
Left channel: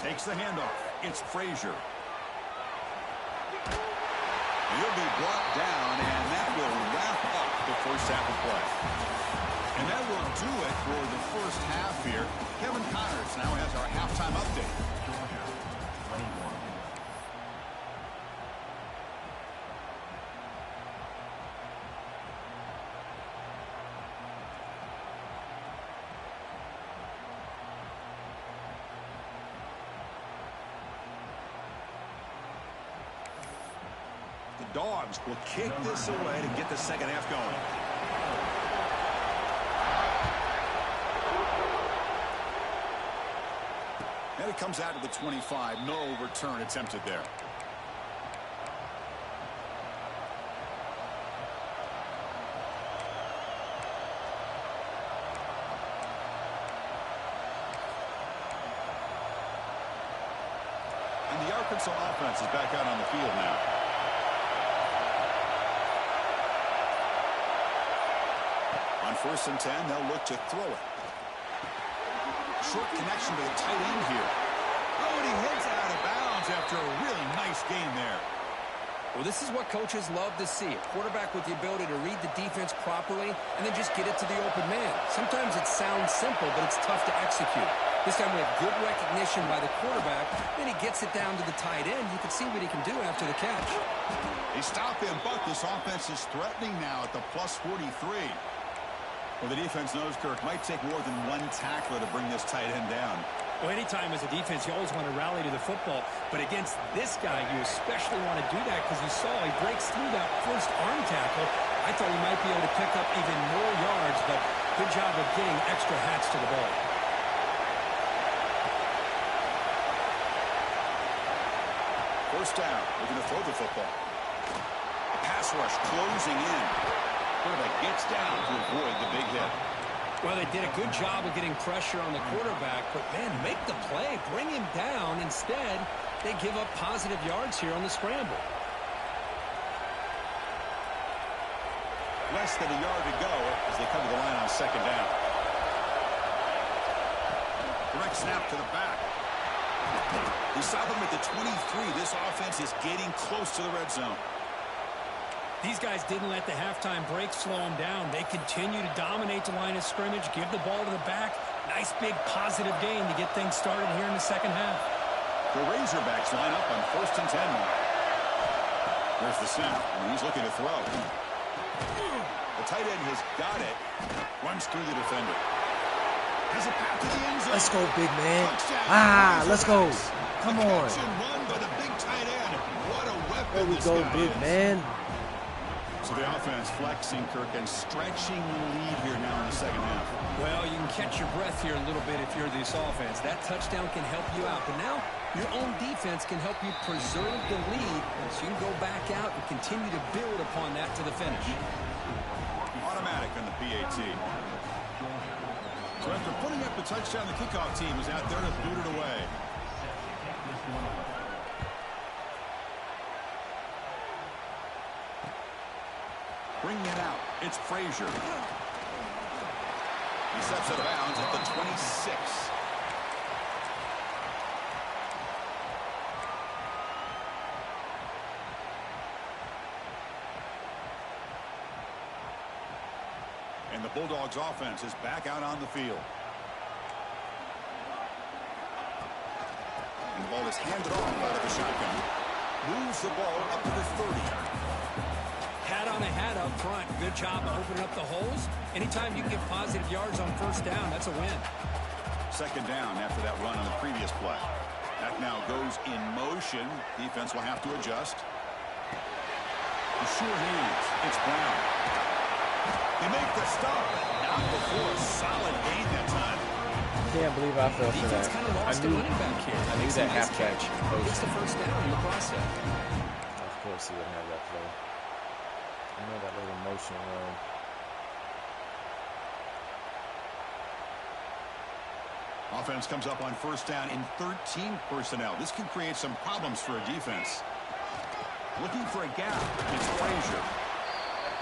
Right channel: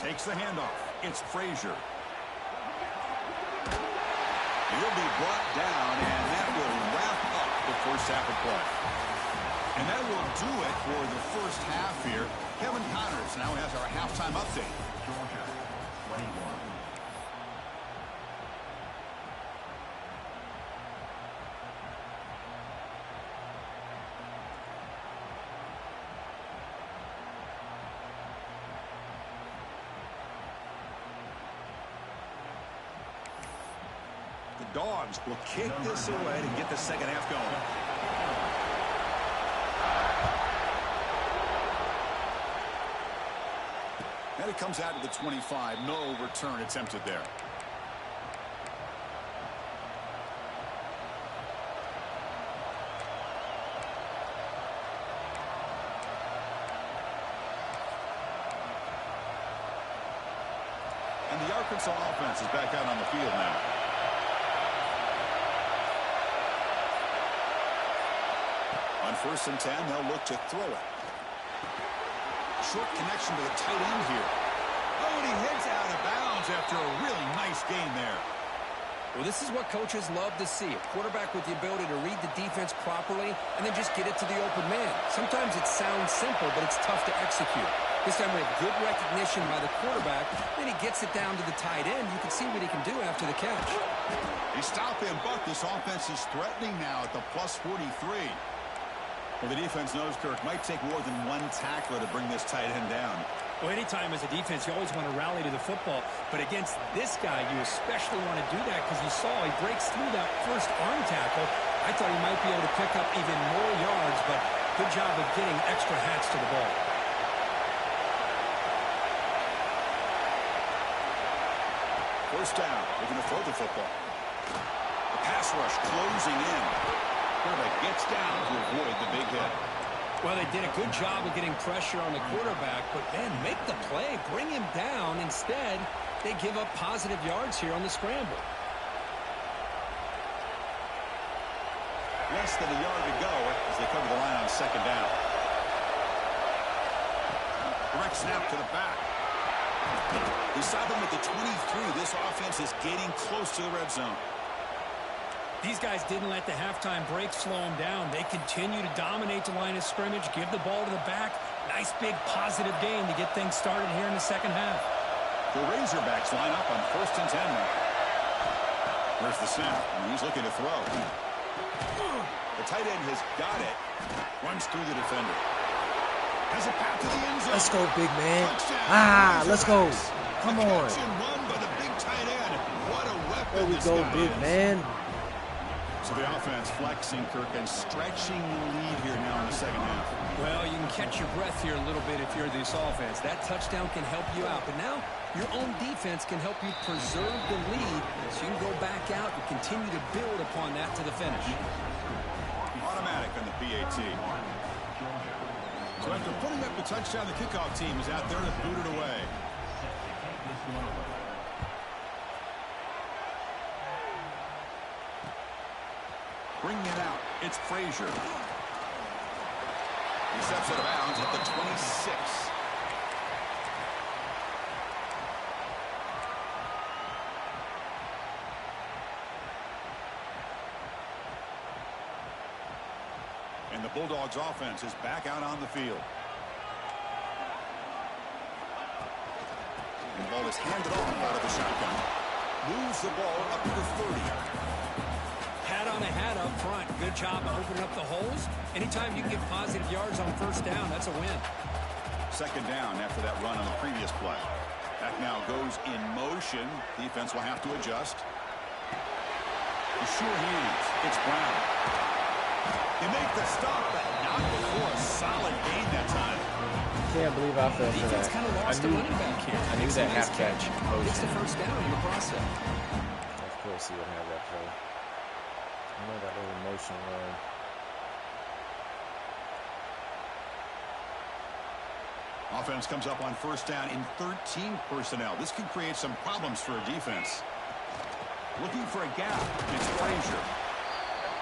Takes the handoff. It's Frazier. He'll be brought down, and that will wrap up the first half of play. And that will do it for the first half here. Kevin Connors now has our halftime update. Georgia, 21. The Dogs will kick this away to get the second half going. And it comes out to the 25. No return attempted there. And the Arkansas offense is back out on the field now. On 1st and 10, they'll look to throw it. Short connection to the tight end here. Oh, and he heads out of bounds after a really nice game there. Well, this is what coaches love to see. A quarterback with the ability to read the defense properly and then just get it to the open man. Sometimes it sounds simple, but it's tough to execute. This time we have good recognition by the quarterback. Then he gets it down to the tight end. You can see what he can do after the catch. They stop him, but this offense is threatening now at the plus 43. Well, the defense knows, Kirk, might take more than one tackler to bring this tight end down. Well, anytime as a defense, you always want to rally to the football. But against this guy, you especially want to do that because you saw he breaks through that first arm tackle. I thought he might be able to pick up even more yards, but good job of getting extra hats to the ball. First down, looking to throw the football. The pass rush closing in. Quarterback gets down to avoid the big hit. Well, they did a good job of getting pressure on the quarterback, but, man, make the play. Bring him down. Instead, they give up positive yards here on the scramble. Less than a yard to go as they cover the line on 2nd down. Direct snap to the back. They stop him at the 23. This offense is getting close to the red zone. These guys didn't let the halftime break slow them down. They continue to dominate the line of scrimmage, give the ball to the back. Nice big positive gain to get things started here in the second half. The Razorbacks line up on 1st and 10. There's the snap, and he's looking to throw. The tight end has got it. Runs through the defender. Has a path to the end zone. Let's go, big man. Touchdown. Let's go. Come on. Catch and run by the big tight end. What a weapon There we this go, guy big is. man. So the offense flexing, Kirk, and stretching the lead here now in the second half. Well, you can catch your breath here a little bit if you're this offense. That touchdown can help you out. But now your own defense can help you preserve the lead so you can go back out and continue to build upon that to the finish. Automatic on the PAT. So after putting up the touchdown, the kickoff team is out there to boot it away. Set to kick this one away. Bringing it out, it's Frazier. He steps out of bounds at the 26. And the Bulldogs offense is back out on the field. And the ball is handed off out of the shotgun. Moves the ball up to the 30. Hat on a hat up front. Good job of opening up the holes. Anytime you can get positive yards on 1st down, that's a win. 2nd down after that run on the previous play. That now goes in motion. Defense will have to adjust. The sure hands. It's Brown. They make the stop, but not before a solid gain that time. Can't believe I fell for Defense that. kind of lost a running back here. I knew Makes a that nice halfback catch. motion. Gets the 1st down in the process. Of course he would have that play. I know that little motion run. Offense comes up on first down in 13 personnel. This can create some problems for a defense. Looking for a gap. It's Frazier.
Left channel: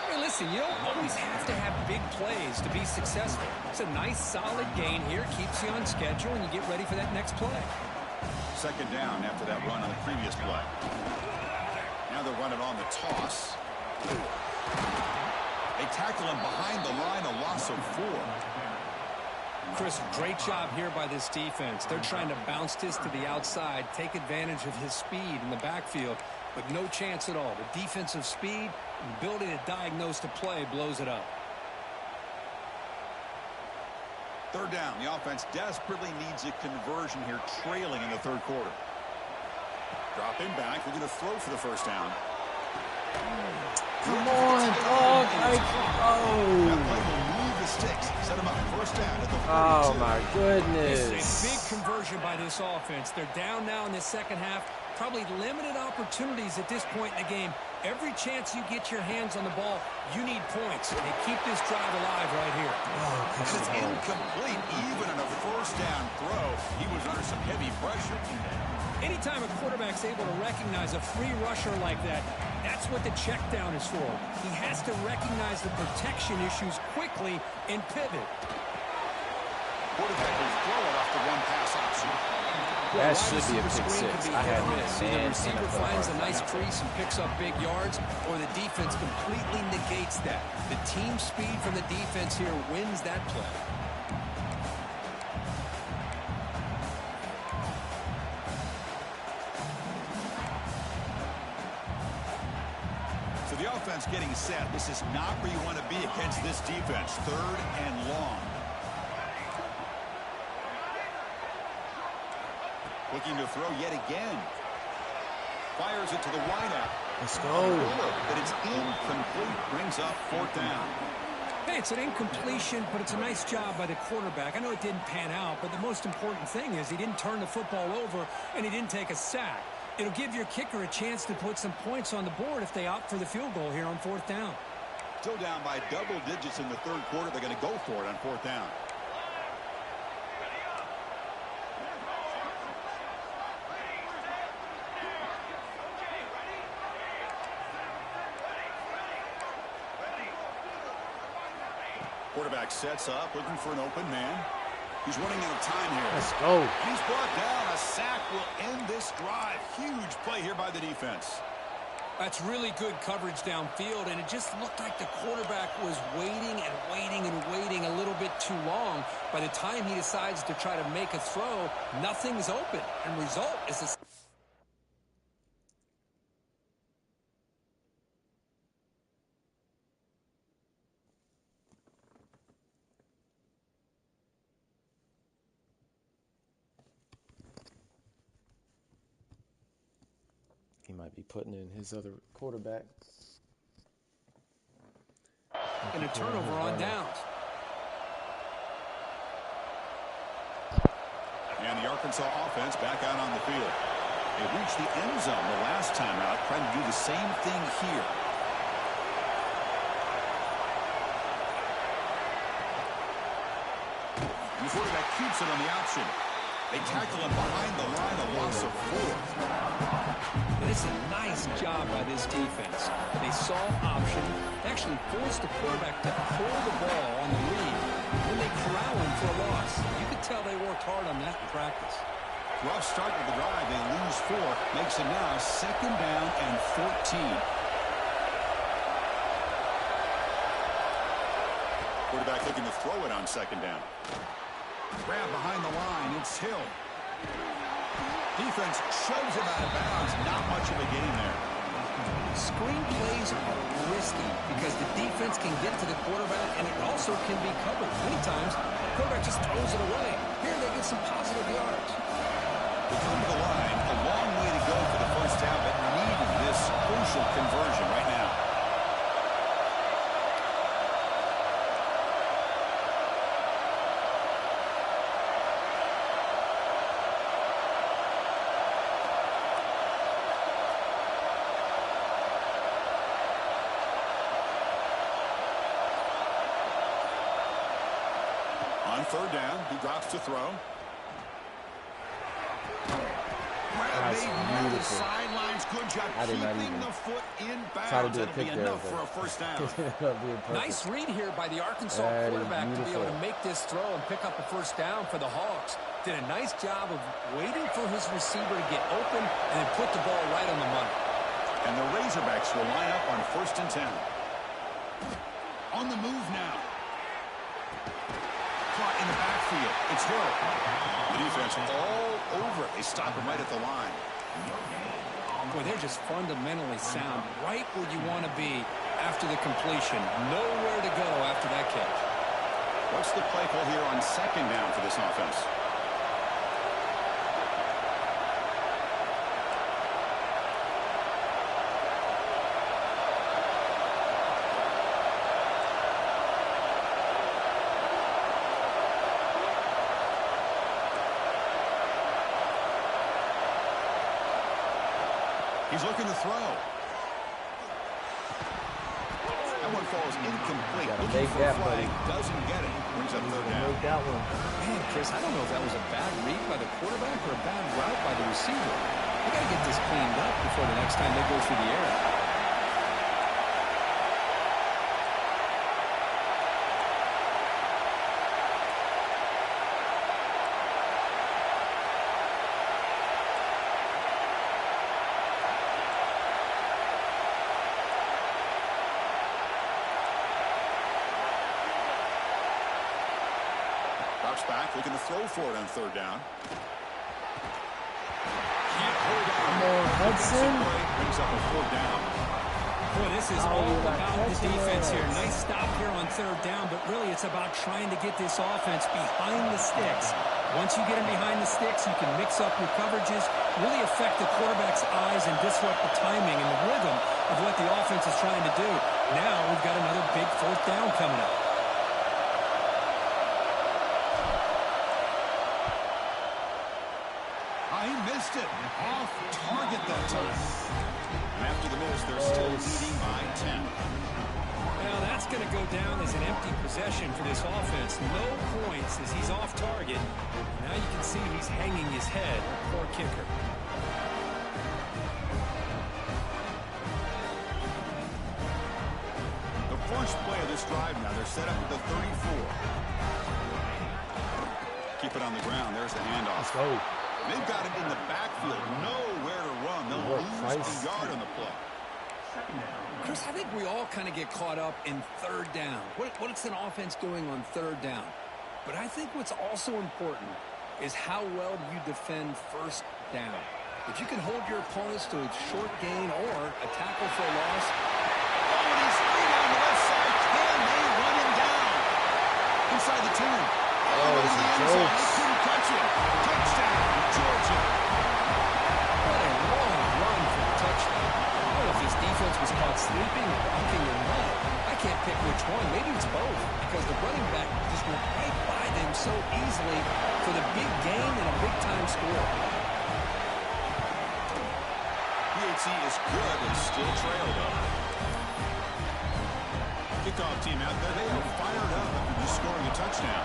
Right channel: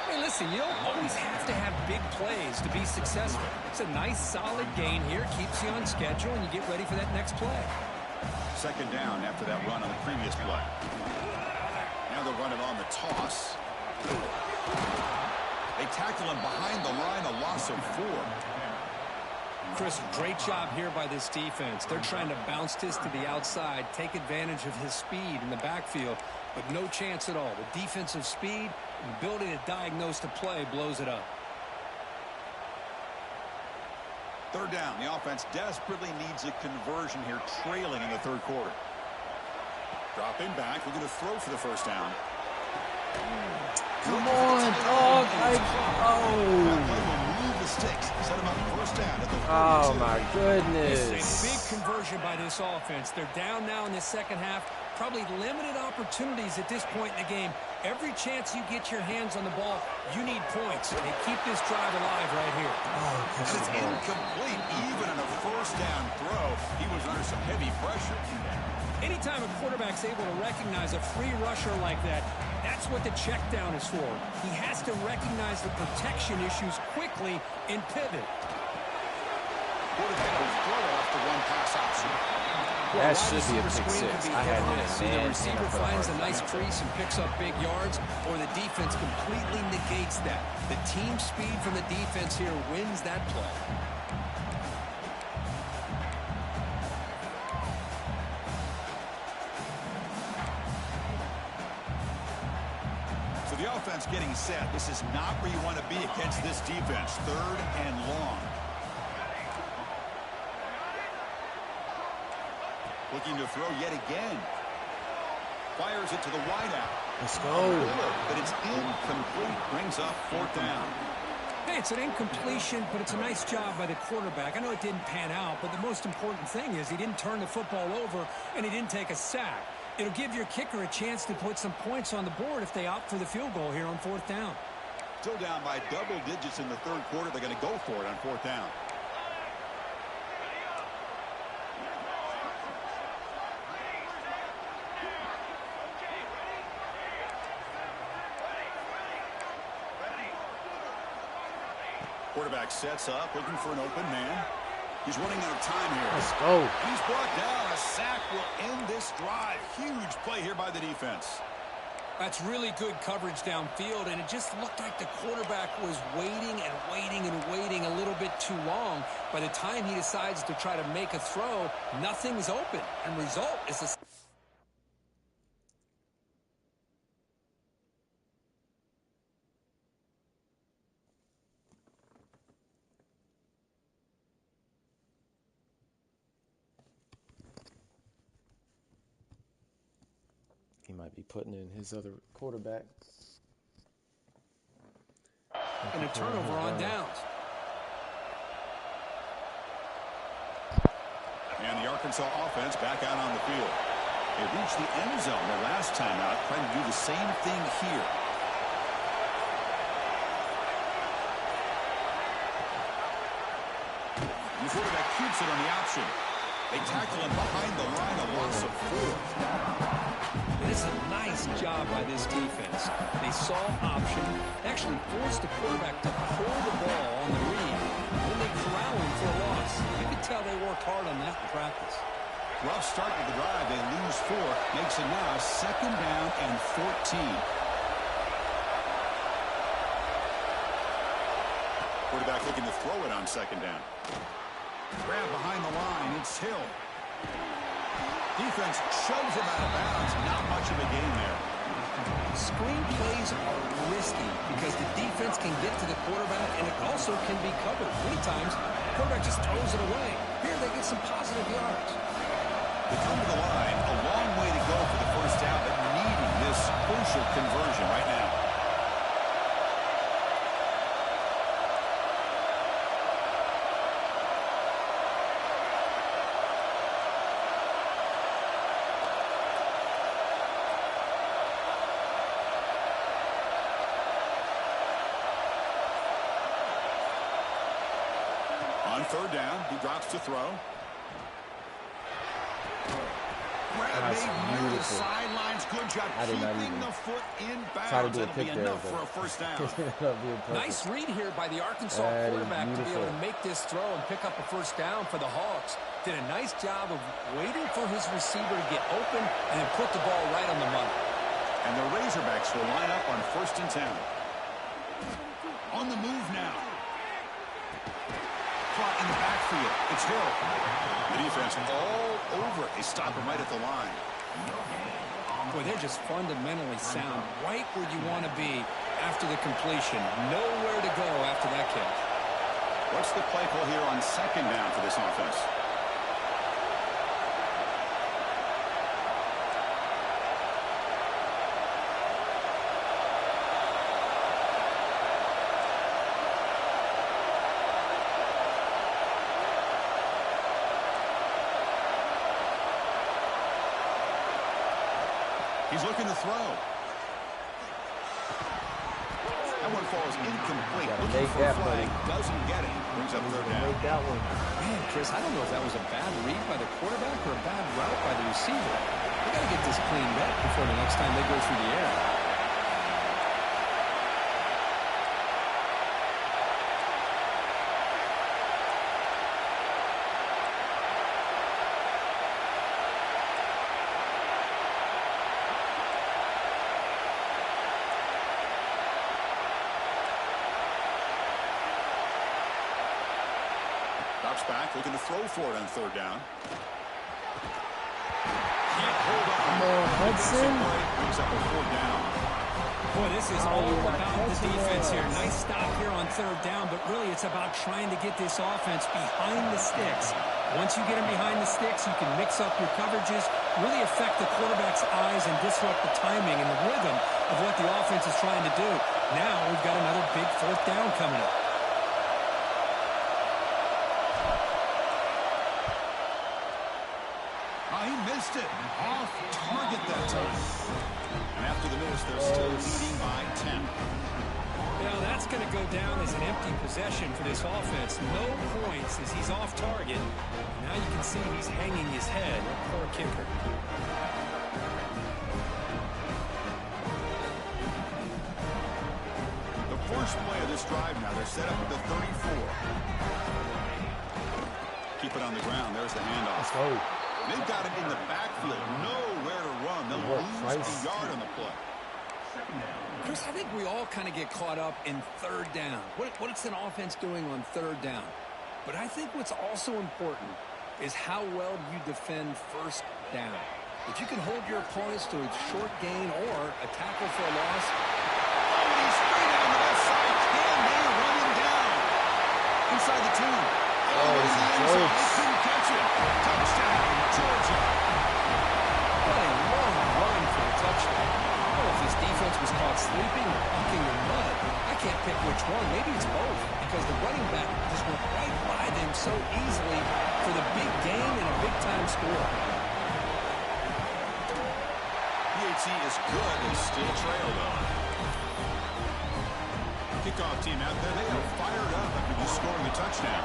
Hey, listen, you don't always have to have big plays to be successful. It's a nice, solid gain here. Keeps you on schedule, and you get ready for that next play. Second down after that run on the previous play. Now they'll run it on the toss. They tackle him behind the line, a loss of 4. Chris, great job here by this defense. They're trying to bounce this to the outside, take advantage of his speed in the backfield, but no chance at all. The defensive speed and ability to diagnose the play blows it up. Third down. The offense desperately needs a conversion here, trailing in the third quarter. Dropping back. We're going to throw for the first down. Come on, dog. That play will move the sticks. Set him up first down at the 42. Oh, my This goodness. is a big conversion by this offense. They're down now in the second half. Probably limited opportunities at this point in the game. Every chance you get your hands on the ball, you need points. They keep this drive alive right here. And it's incomplete. Even on a first down throw, he was under some heavy pressure. Anytime a quarterback's able to recognize a free rusher like that, that's what the check down is for. He has to recognize the protection issues quickly and pivot. Quarterback will throw it off the one pass option. That Wide should be a receiver pick screen six. can be I hit had or him miss. in Either man receiver and I put a finds a hard nice foul. crease and picks up big yards, or the defense completely negates that. The team speed from the defense here wins that play. So the offense getting set. This is not where you want to be against this defense. Third and long. Looking to throw yet again. Fires it to the wideout. Let's go. But it's incomplete. Brings up fourth down. Hey, it's an incompletion, but it's a nice job by the quarterback. I know it didn't pan out, but the most important thing is he didn't turn the football over and he didn't take a sack. It'll give your kicker a chance to put some points on the board if they opt for the field goal here on fourth down. Still down by double digits in the third quarter. They're going to go for it on fourth down. Quarterback sets up, looking for an open man. He's running out of time here. Let's go. And he's brought down. A sack will end this drive. Huge play here by the defense. That's really good coverage downfield, and it just looked like the quarterback was waiting and waiting and waiting a little bit too long. By the time he decides to try to make a throw, nothing's open, and result is a... He might be putting in his other quarterback. And a turnover on downs. And the Arkansas offense back out on the field. They reached the end zone the last time out, trying to do the same thing here. And the quarterback keeps it on the option. They tackle him behind the line, a loss of 4. And it's a nice job by this defense. They saw option, actually forced the quarterback to pull the ball on the read, and then they corral him for a loss. You could tell they worked hard on that in practice. Rough start to the drive. They lose 4. Makes it now second down and 14. Quarterback looking to throw it on second down. Grab behind the line. It's Hill. Defense shoves him out of bounds. Not much of a gain there. Screen plays are risky because the defense can get to the quarterback, and it also can be covered. Many times, the quarterback just throws it away. Here, they get some positive yards. They come to the line. A long way to go for the first down, but needing this crucial conversion right now. On third down, he drops to throw. grab That's made near the beautiful. sidelines. Good job I did not keeping even the foot in try to bounds. do a That'll be pick there, enough for but a first down. it ended up being perfect. Nice read here by the Arkansas That is quarterback to be able to beautiful. make this throw and pick up a first down for the Hogs. Did a nice job of waiting for his receiver to get open and then put the ball right on the money. And the Razorbacks will line up on 1st and 10. On the move now. Caught in the backfield. It's Hill. The defense all over it. They stop him right at the line. Boy, they're just fundamentally sound. Right where you want to be after the completion. Nowhere to go after that catch. What's the play call here on 2nd down for this offense? He's looking to throw. That one falls incomplete. Gotta Looking make for that, a flag. buddy. Doesn't get it. Brings up 3rd down. Make that one. Man, Chris, I don't know if that was a bad read by the quarterback or a bad route by the receiver. They got to get this cleaned up before the next time they go through the air. Drops back, looking to throw for it on 3rd down. Can't hold on. Come on, Hudson. Defensive play brings up a 4th down. Boy, this is Oh, all you're not about the catching defense us. here. Nice stop here on 3rd down, but really it's about trying to get this offense behind the sticks. Once you get them behind the sticks, you can mix up your coverages, really affect the quarterback's eyes and disrupt the timing and the rhythm of what the offense is trying to do. Now we've got another big 4th down coming up. He missed it. Off target that time. And after the miss, they're still leading by 10. Now that's going to go down as an empty possession for this offense. No points as he's off target. Now you can see he's hanging his head. Poor kicker. The first play of this drive now, they're set up at the 34. Keep it on the ground. There's the handoff. Let's go. They've got him in the backfield. Nowhere to run. They'll lose a yard on the play. Chris, I think we all kind of get caught up in 3rd down. What's an offense doing on 3rd down? But I think what's also important is how well you defend 1st down. If you can hold your opponents to a short gain or a tackle for a loss. Oh, and he's free down the left side. Can they run him down? Inside the 2. All the way to the end zone. They couldn't catch him. Touchdown, Georgia. What a long run for the touchdown. I don't know if this defense was caught sleeping or walking in mud. I can't pick which one. Maybe it's both because the running back just went right by them so easily for the big gain and a big-time score. PAT is good. They still trail, though. Kickoff team out there. They are fired up after just scoring a touchdown.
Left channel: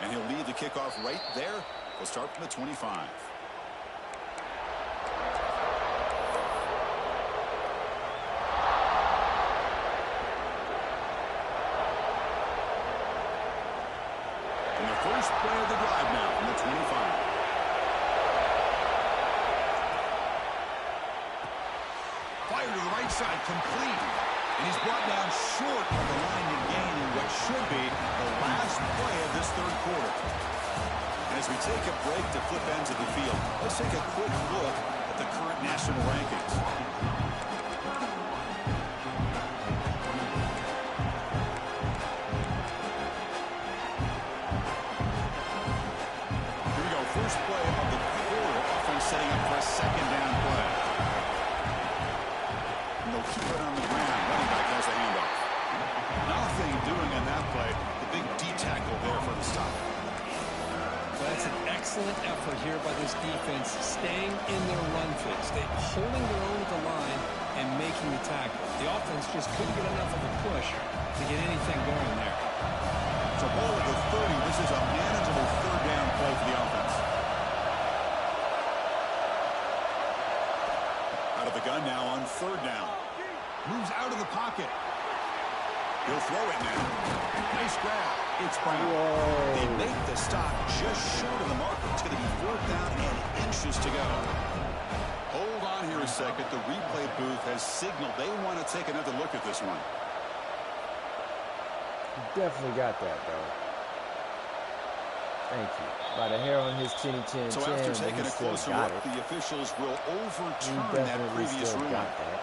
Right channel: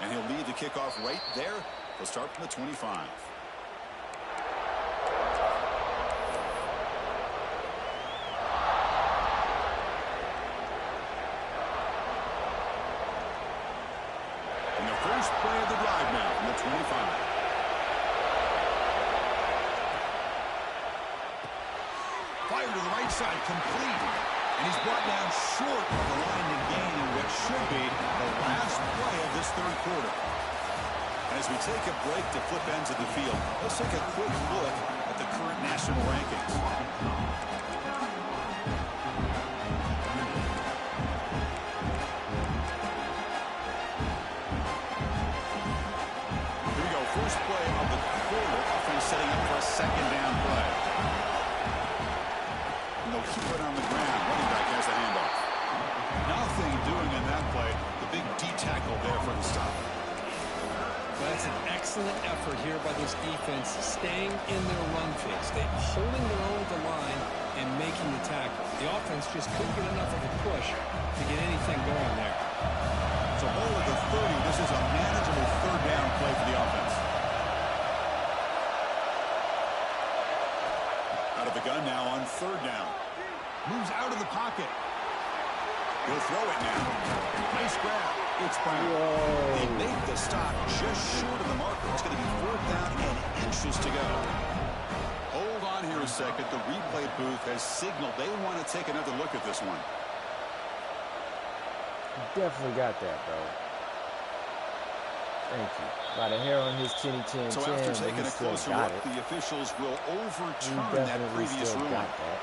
And he'll lead the kickoff right there. We'll start from the 25. And the first play of the drive now from the 25. Fire to the right side, complete. And he's brought down short of the line to gain in what should be the last play of this 3rd quarter. And as we take a break to flip ends of the field, let's take a quick look at the current national rankings. Here we go, first play of the quarter. Offense setting up for a 2nd down play. They'll keep it on the ground. Running back has the handoff. Nothing doing on that play. The big D tackle there for the stop. Well, that's an excellent effort here by this defense, staying in their run fix. They're holding their own at the line and making the tackle. The offense just couldn't get enough of a push to get anything going there. a ball at the 30. This is a manageable third down play for the offense. Out of the gun now on third down. Moves out of the pocket. He'll throw it now. Nice grab. It's Brown. Whoa. They make the stop just short of the marker. It's going to be fourth down and inches to go. Hold on here a second. The replay booth has signaled they want to take another look at this one. Definitely got that, bro. Thank you. By the hair on his chinny chin So chin, after but taking he a still closer got look, it. the officials will He overturn that definitely previous still ruling. got that.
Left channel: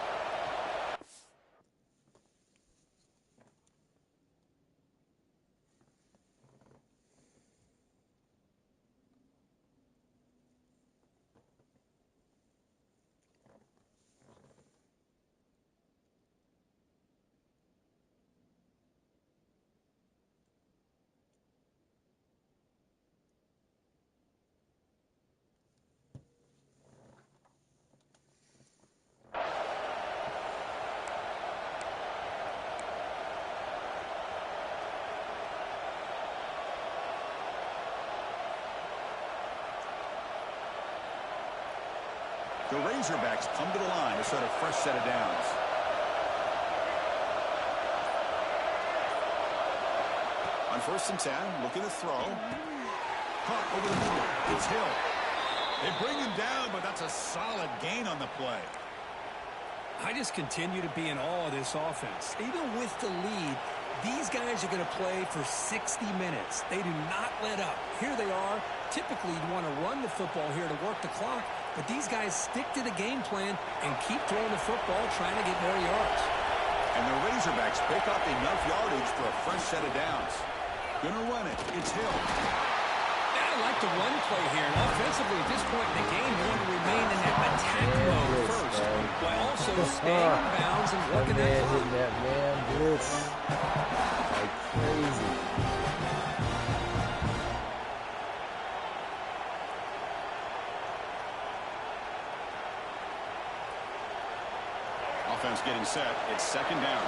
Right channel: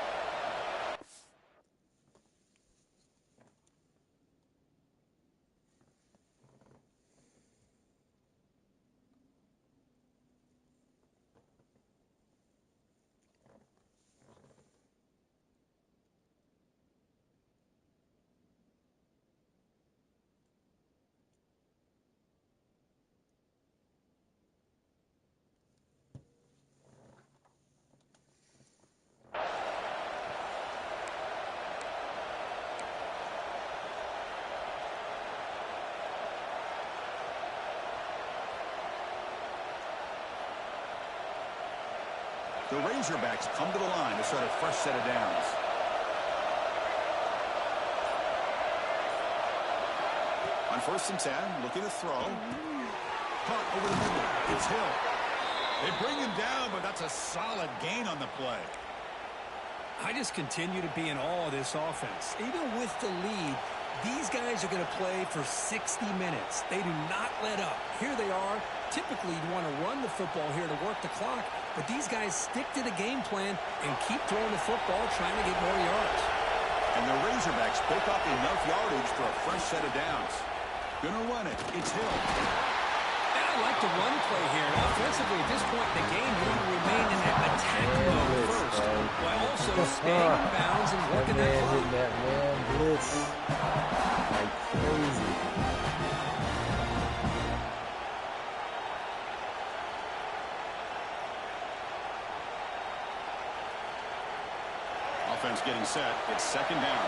The Razorbacks come to the line to start a fresh set of downs. On 1st and 10, looking to throw. Caught over the middle. It's Hill. They bring him down, but that's a solid gain on the play. I just continue to be in awe of this offense. Even with the lead, these guys are going to play for 60 minutes. They do not let up. Here they are. Typically, you want to run the football here to work the clock, but these guys stick to the game plan and keep throwing the football, trying to get more yards. And the Razorbacks pick up enough yardage for a fresh set of downs. Gonna run it. It's Hill. And I like the run play here. And offensively, at this point in the game, you want to remain in that attack mode first, while also staying in bounds and working that man clock. hitting that man blitz like crazy. Offense getting set. It's second down.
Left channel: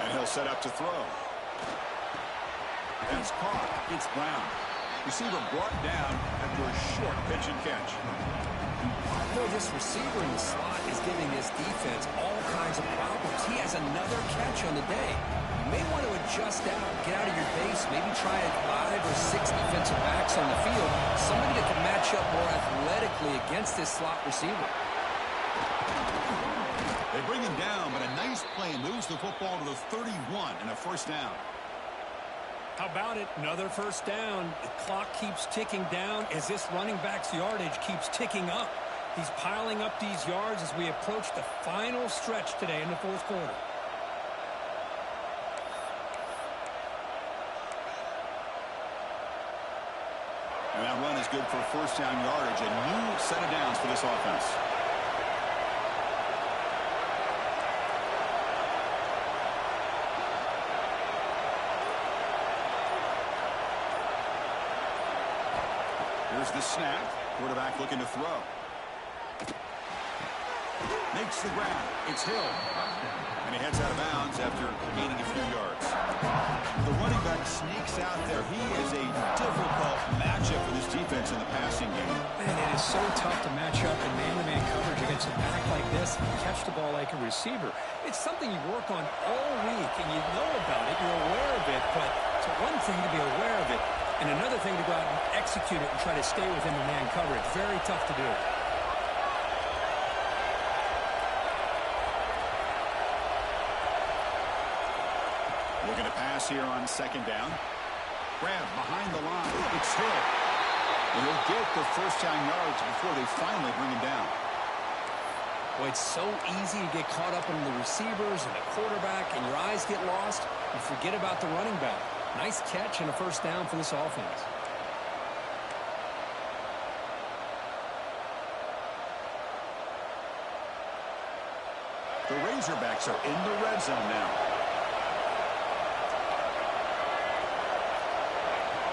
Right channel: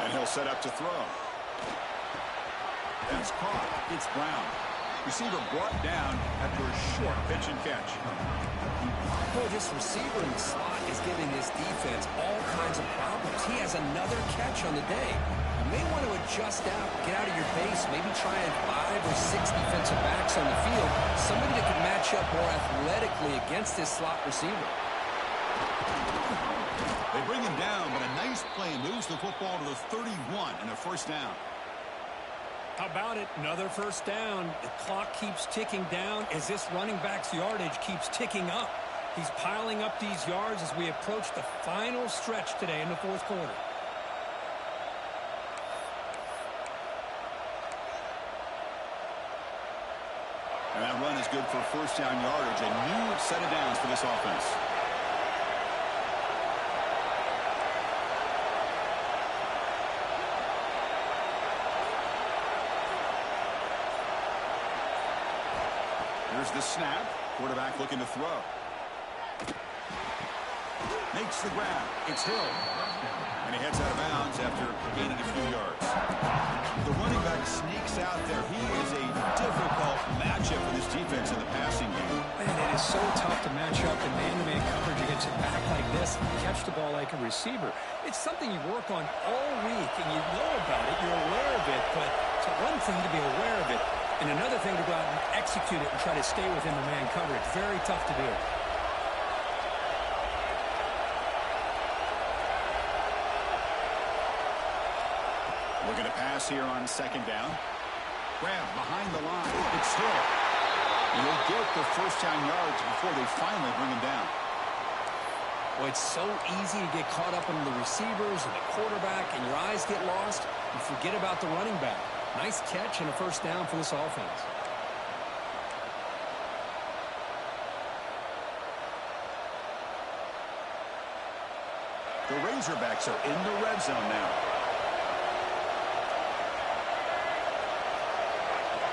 And he'll set up to throw. That's caught. It's Brown. Receiver brought down after a short pitch and catch. Boy, this receiver in the slot is giving this defense all kinds of problems. He has another catch on the day. You may want to adjust out, get out of your base, maybe try 5 or 6 defensive backs on the field, somebody that can match up more athletically against this slot receiver. They bring him down, but a nice play moves the football to the 31 and a first down. How about it? Another first down. The clock keeps ticking down as this running back's yardage keeps ticking up. He's piling up these yards as we approach the final stretch today in the fourth quarter. And that run is good for first down yardage. A new set of downs for this offense. Here's the snap. Quarterback looking to throw. Makes the grab. It's Hill. And he heads out of bounds after gaining a few yards. The running back sneaks out there. He is a difficult matchup for this defense in the passing game. Man, it is so tough to match up in man-to-man coverage against a back like this and catch the ball like a receiver. It's something you work on all week, and you know about it. You're aware of it, but it's one thing to be aware of it, and another thing to go out and execute it and try to stay within the man coverage. Very tough to do. Looking to pass here on second down. Grab behind the line. It's Hill. And he'll get the first down yards before they finally bring him down. Well, it's so easy to get caught up in the receivers and the quarterback, and your eyes get lost. You forget about the running back. Nice catch and a first down for this offense. The Razorbacks are in the red zone now.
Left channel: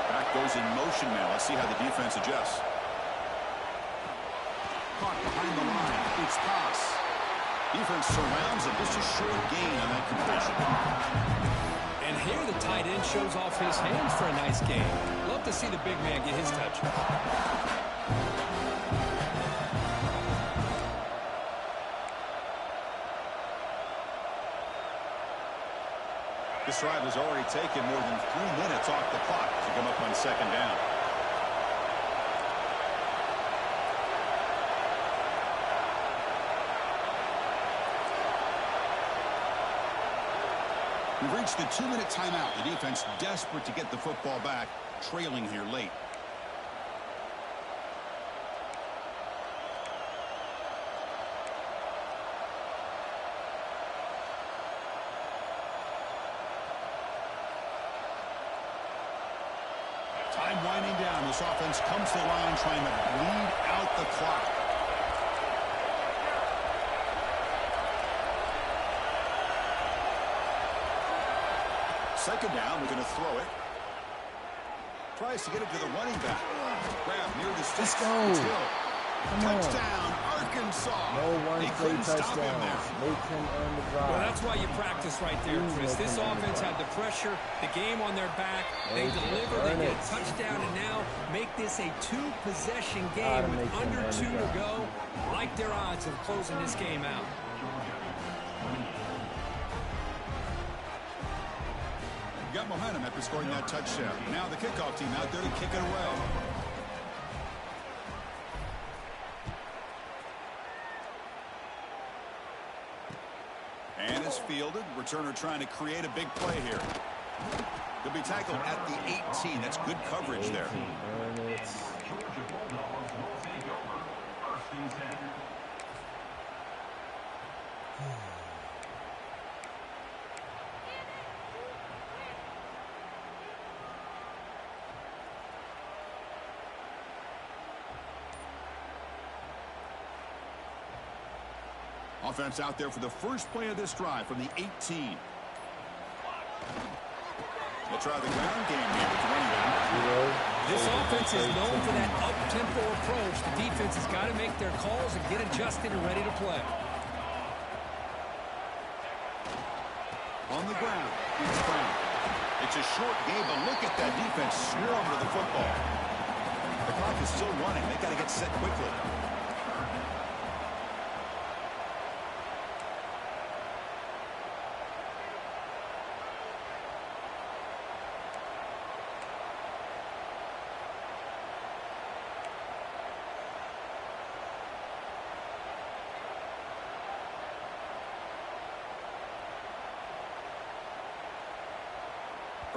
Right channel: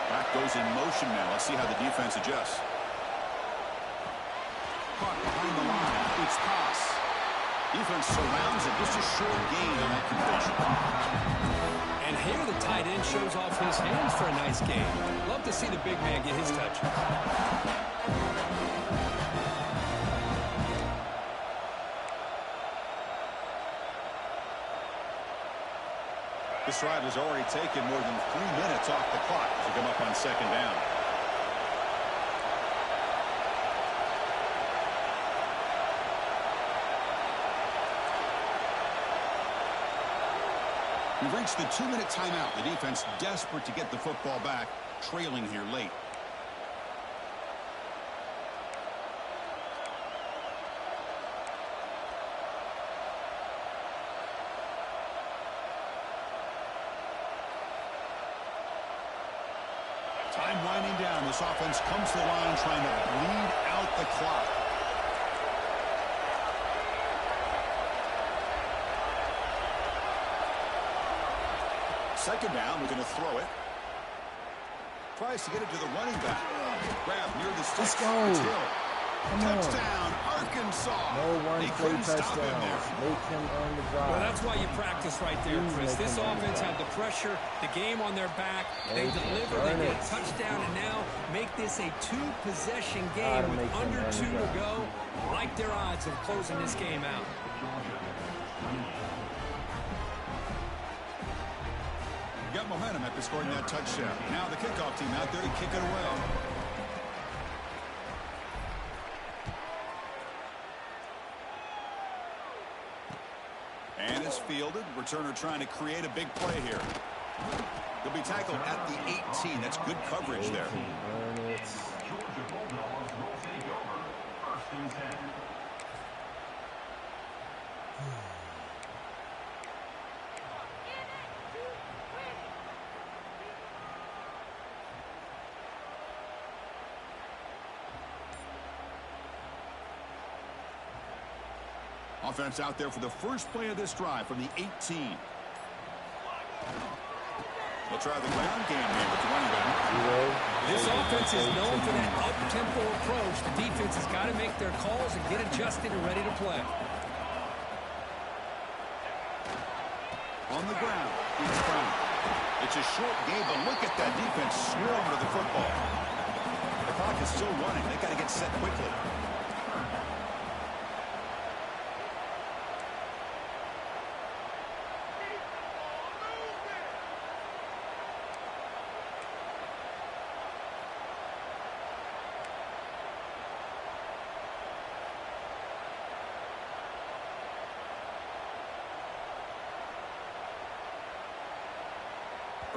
Back goes in motion now. Let's see how the defense adjusts. Caught behind the line. It's pass. Defense surrounds it. Just a short gain on that completion. And here the tight end shows off his hands for a nice game. Love to see the big man get his touches. This drive has already taken more than 3 minutes off the clock as you come up on second down. We've reached the 2-minute timeout. The defense desperate to get the football back, trailing here late. Time winding down. This offense comes to the line trying to bleed out the clock. Second down, we're going to throw it. Tries to get it to the running back. Grab near the sticks. Let's go. It's Hill. Come Touchdown, Arkansas. No They one-play couldn't stop him there. touchdowns. Make him earn the drive. Well, that's why you practice right there, Please Chris. make This him earn the offense drive. had the pressure, the game on their back. They Make him deliver, earn they get it. a touchdown, and now make this a 2-possession Gotta game with make him under earn the 2 to drive. go. Like their odds of closing this game out. Got momentum after scoring that touchdown. Now the kickoff team out there to kick it away. And it's fielded. Returner trying to create a big play here. He'll be tackled at the 18. That's good coverage there. Earn it. Georgia Bulldogs will take over. 1st and 10. Offense out there for the first play of this drive from the 18. They'll try the ground game here with the running back. This offense is known for that up-tempo approach. The defense has got to make their calls and get adjusted and ready to play. On the ground, it's Brown. It's a short game, but look at that defense swarm to the football. The clock is still running. They got to get set quickly.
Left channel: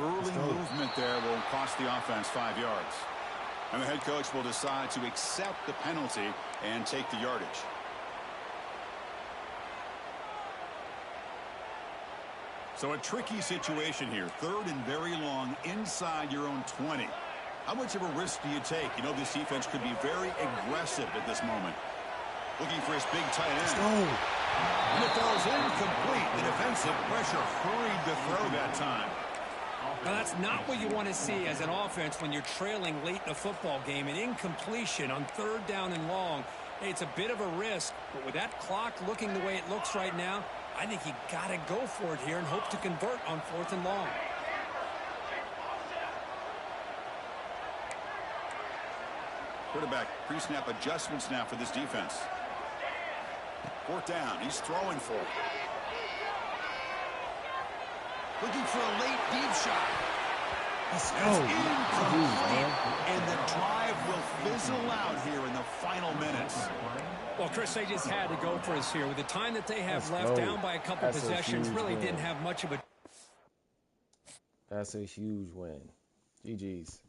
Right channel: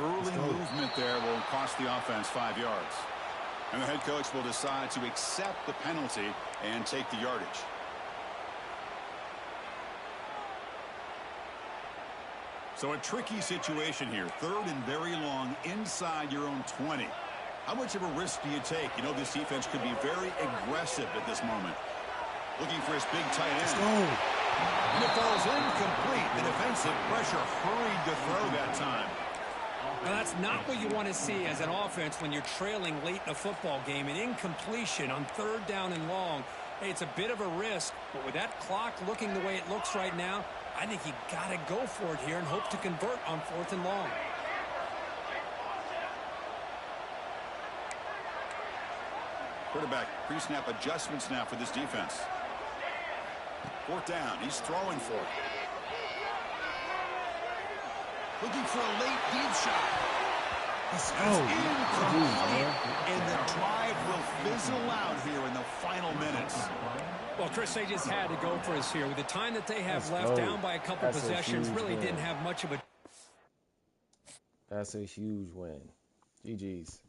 Early movement there will cost the offense 5 yards. And the head coach will decide to accept the penalty and take the yardage. So a tricky situation here. 3rd and very long inside your own 20. How much of a risk do you take? You know this defense could be very aggressive at this moment. Looking for his big tight end. Let's go. And it falls incomplete. The defensive pressure hurried the throw that time. Now, that's not what you want to see as an offense when you're trailing late in a football game. An incompletion on 3rd down and long. Hey, it's a bit of a risk, but with that clock looking the way it looks right now, I think you got to go for it here and hope to convert on 4th and long. Quarterback pre-snap adjustments now for this defense. 4th down. He's throwing for it. Looking for a late deep shot. Let's go. That's incomplete. And the drive will fizzle out here in the final minutes. Well, Chris, they just had to go for us here. With the time that they have Let's left, go. down by a couple That's a possessions, huge really win. didn't have much of a... That's a huge win. GG's.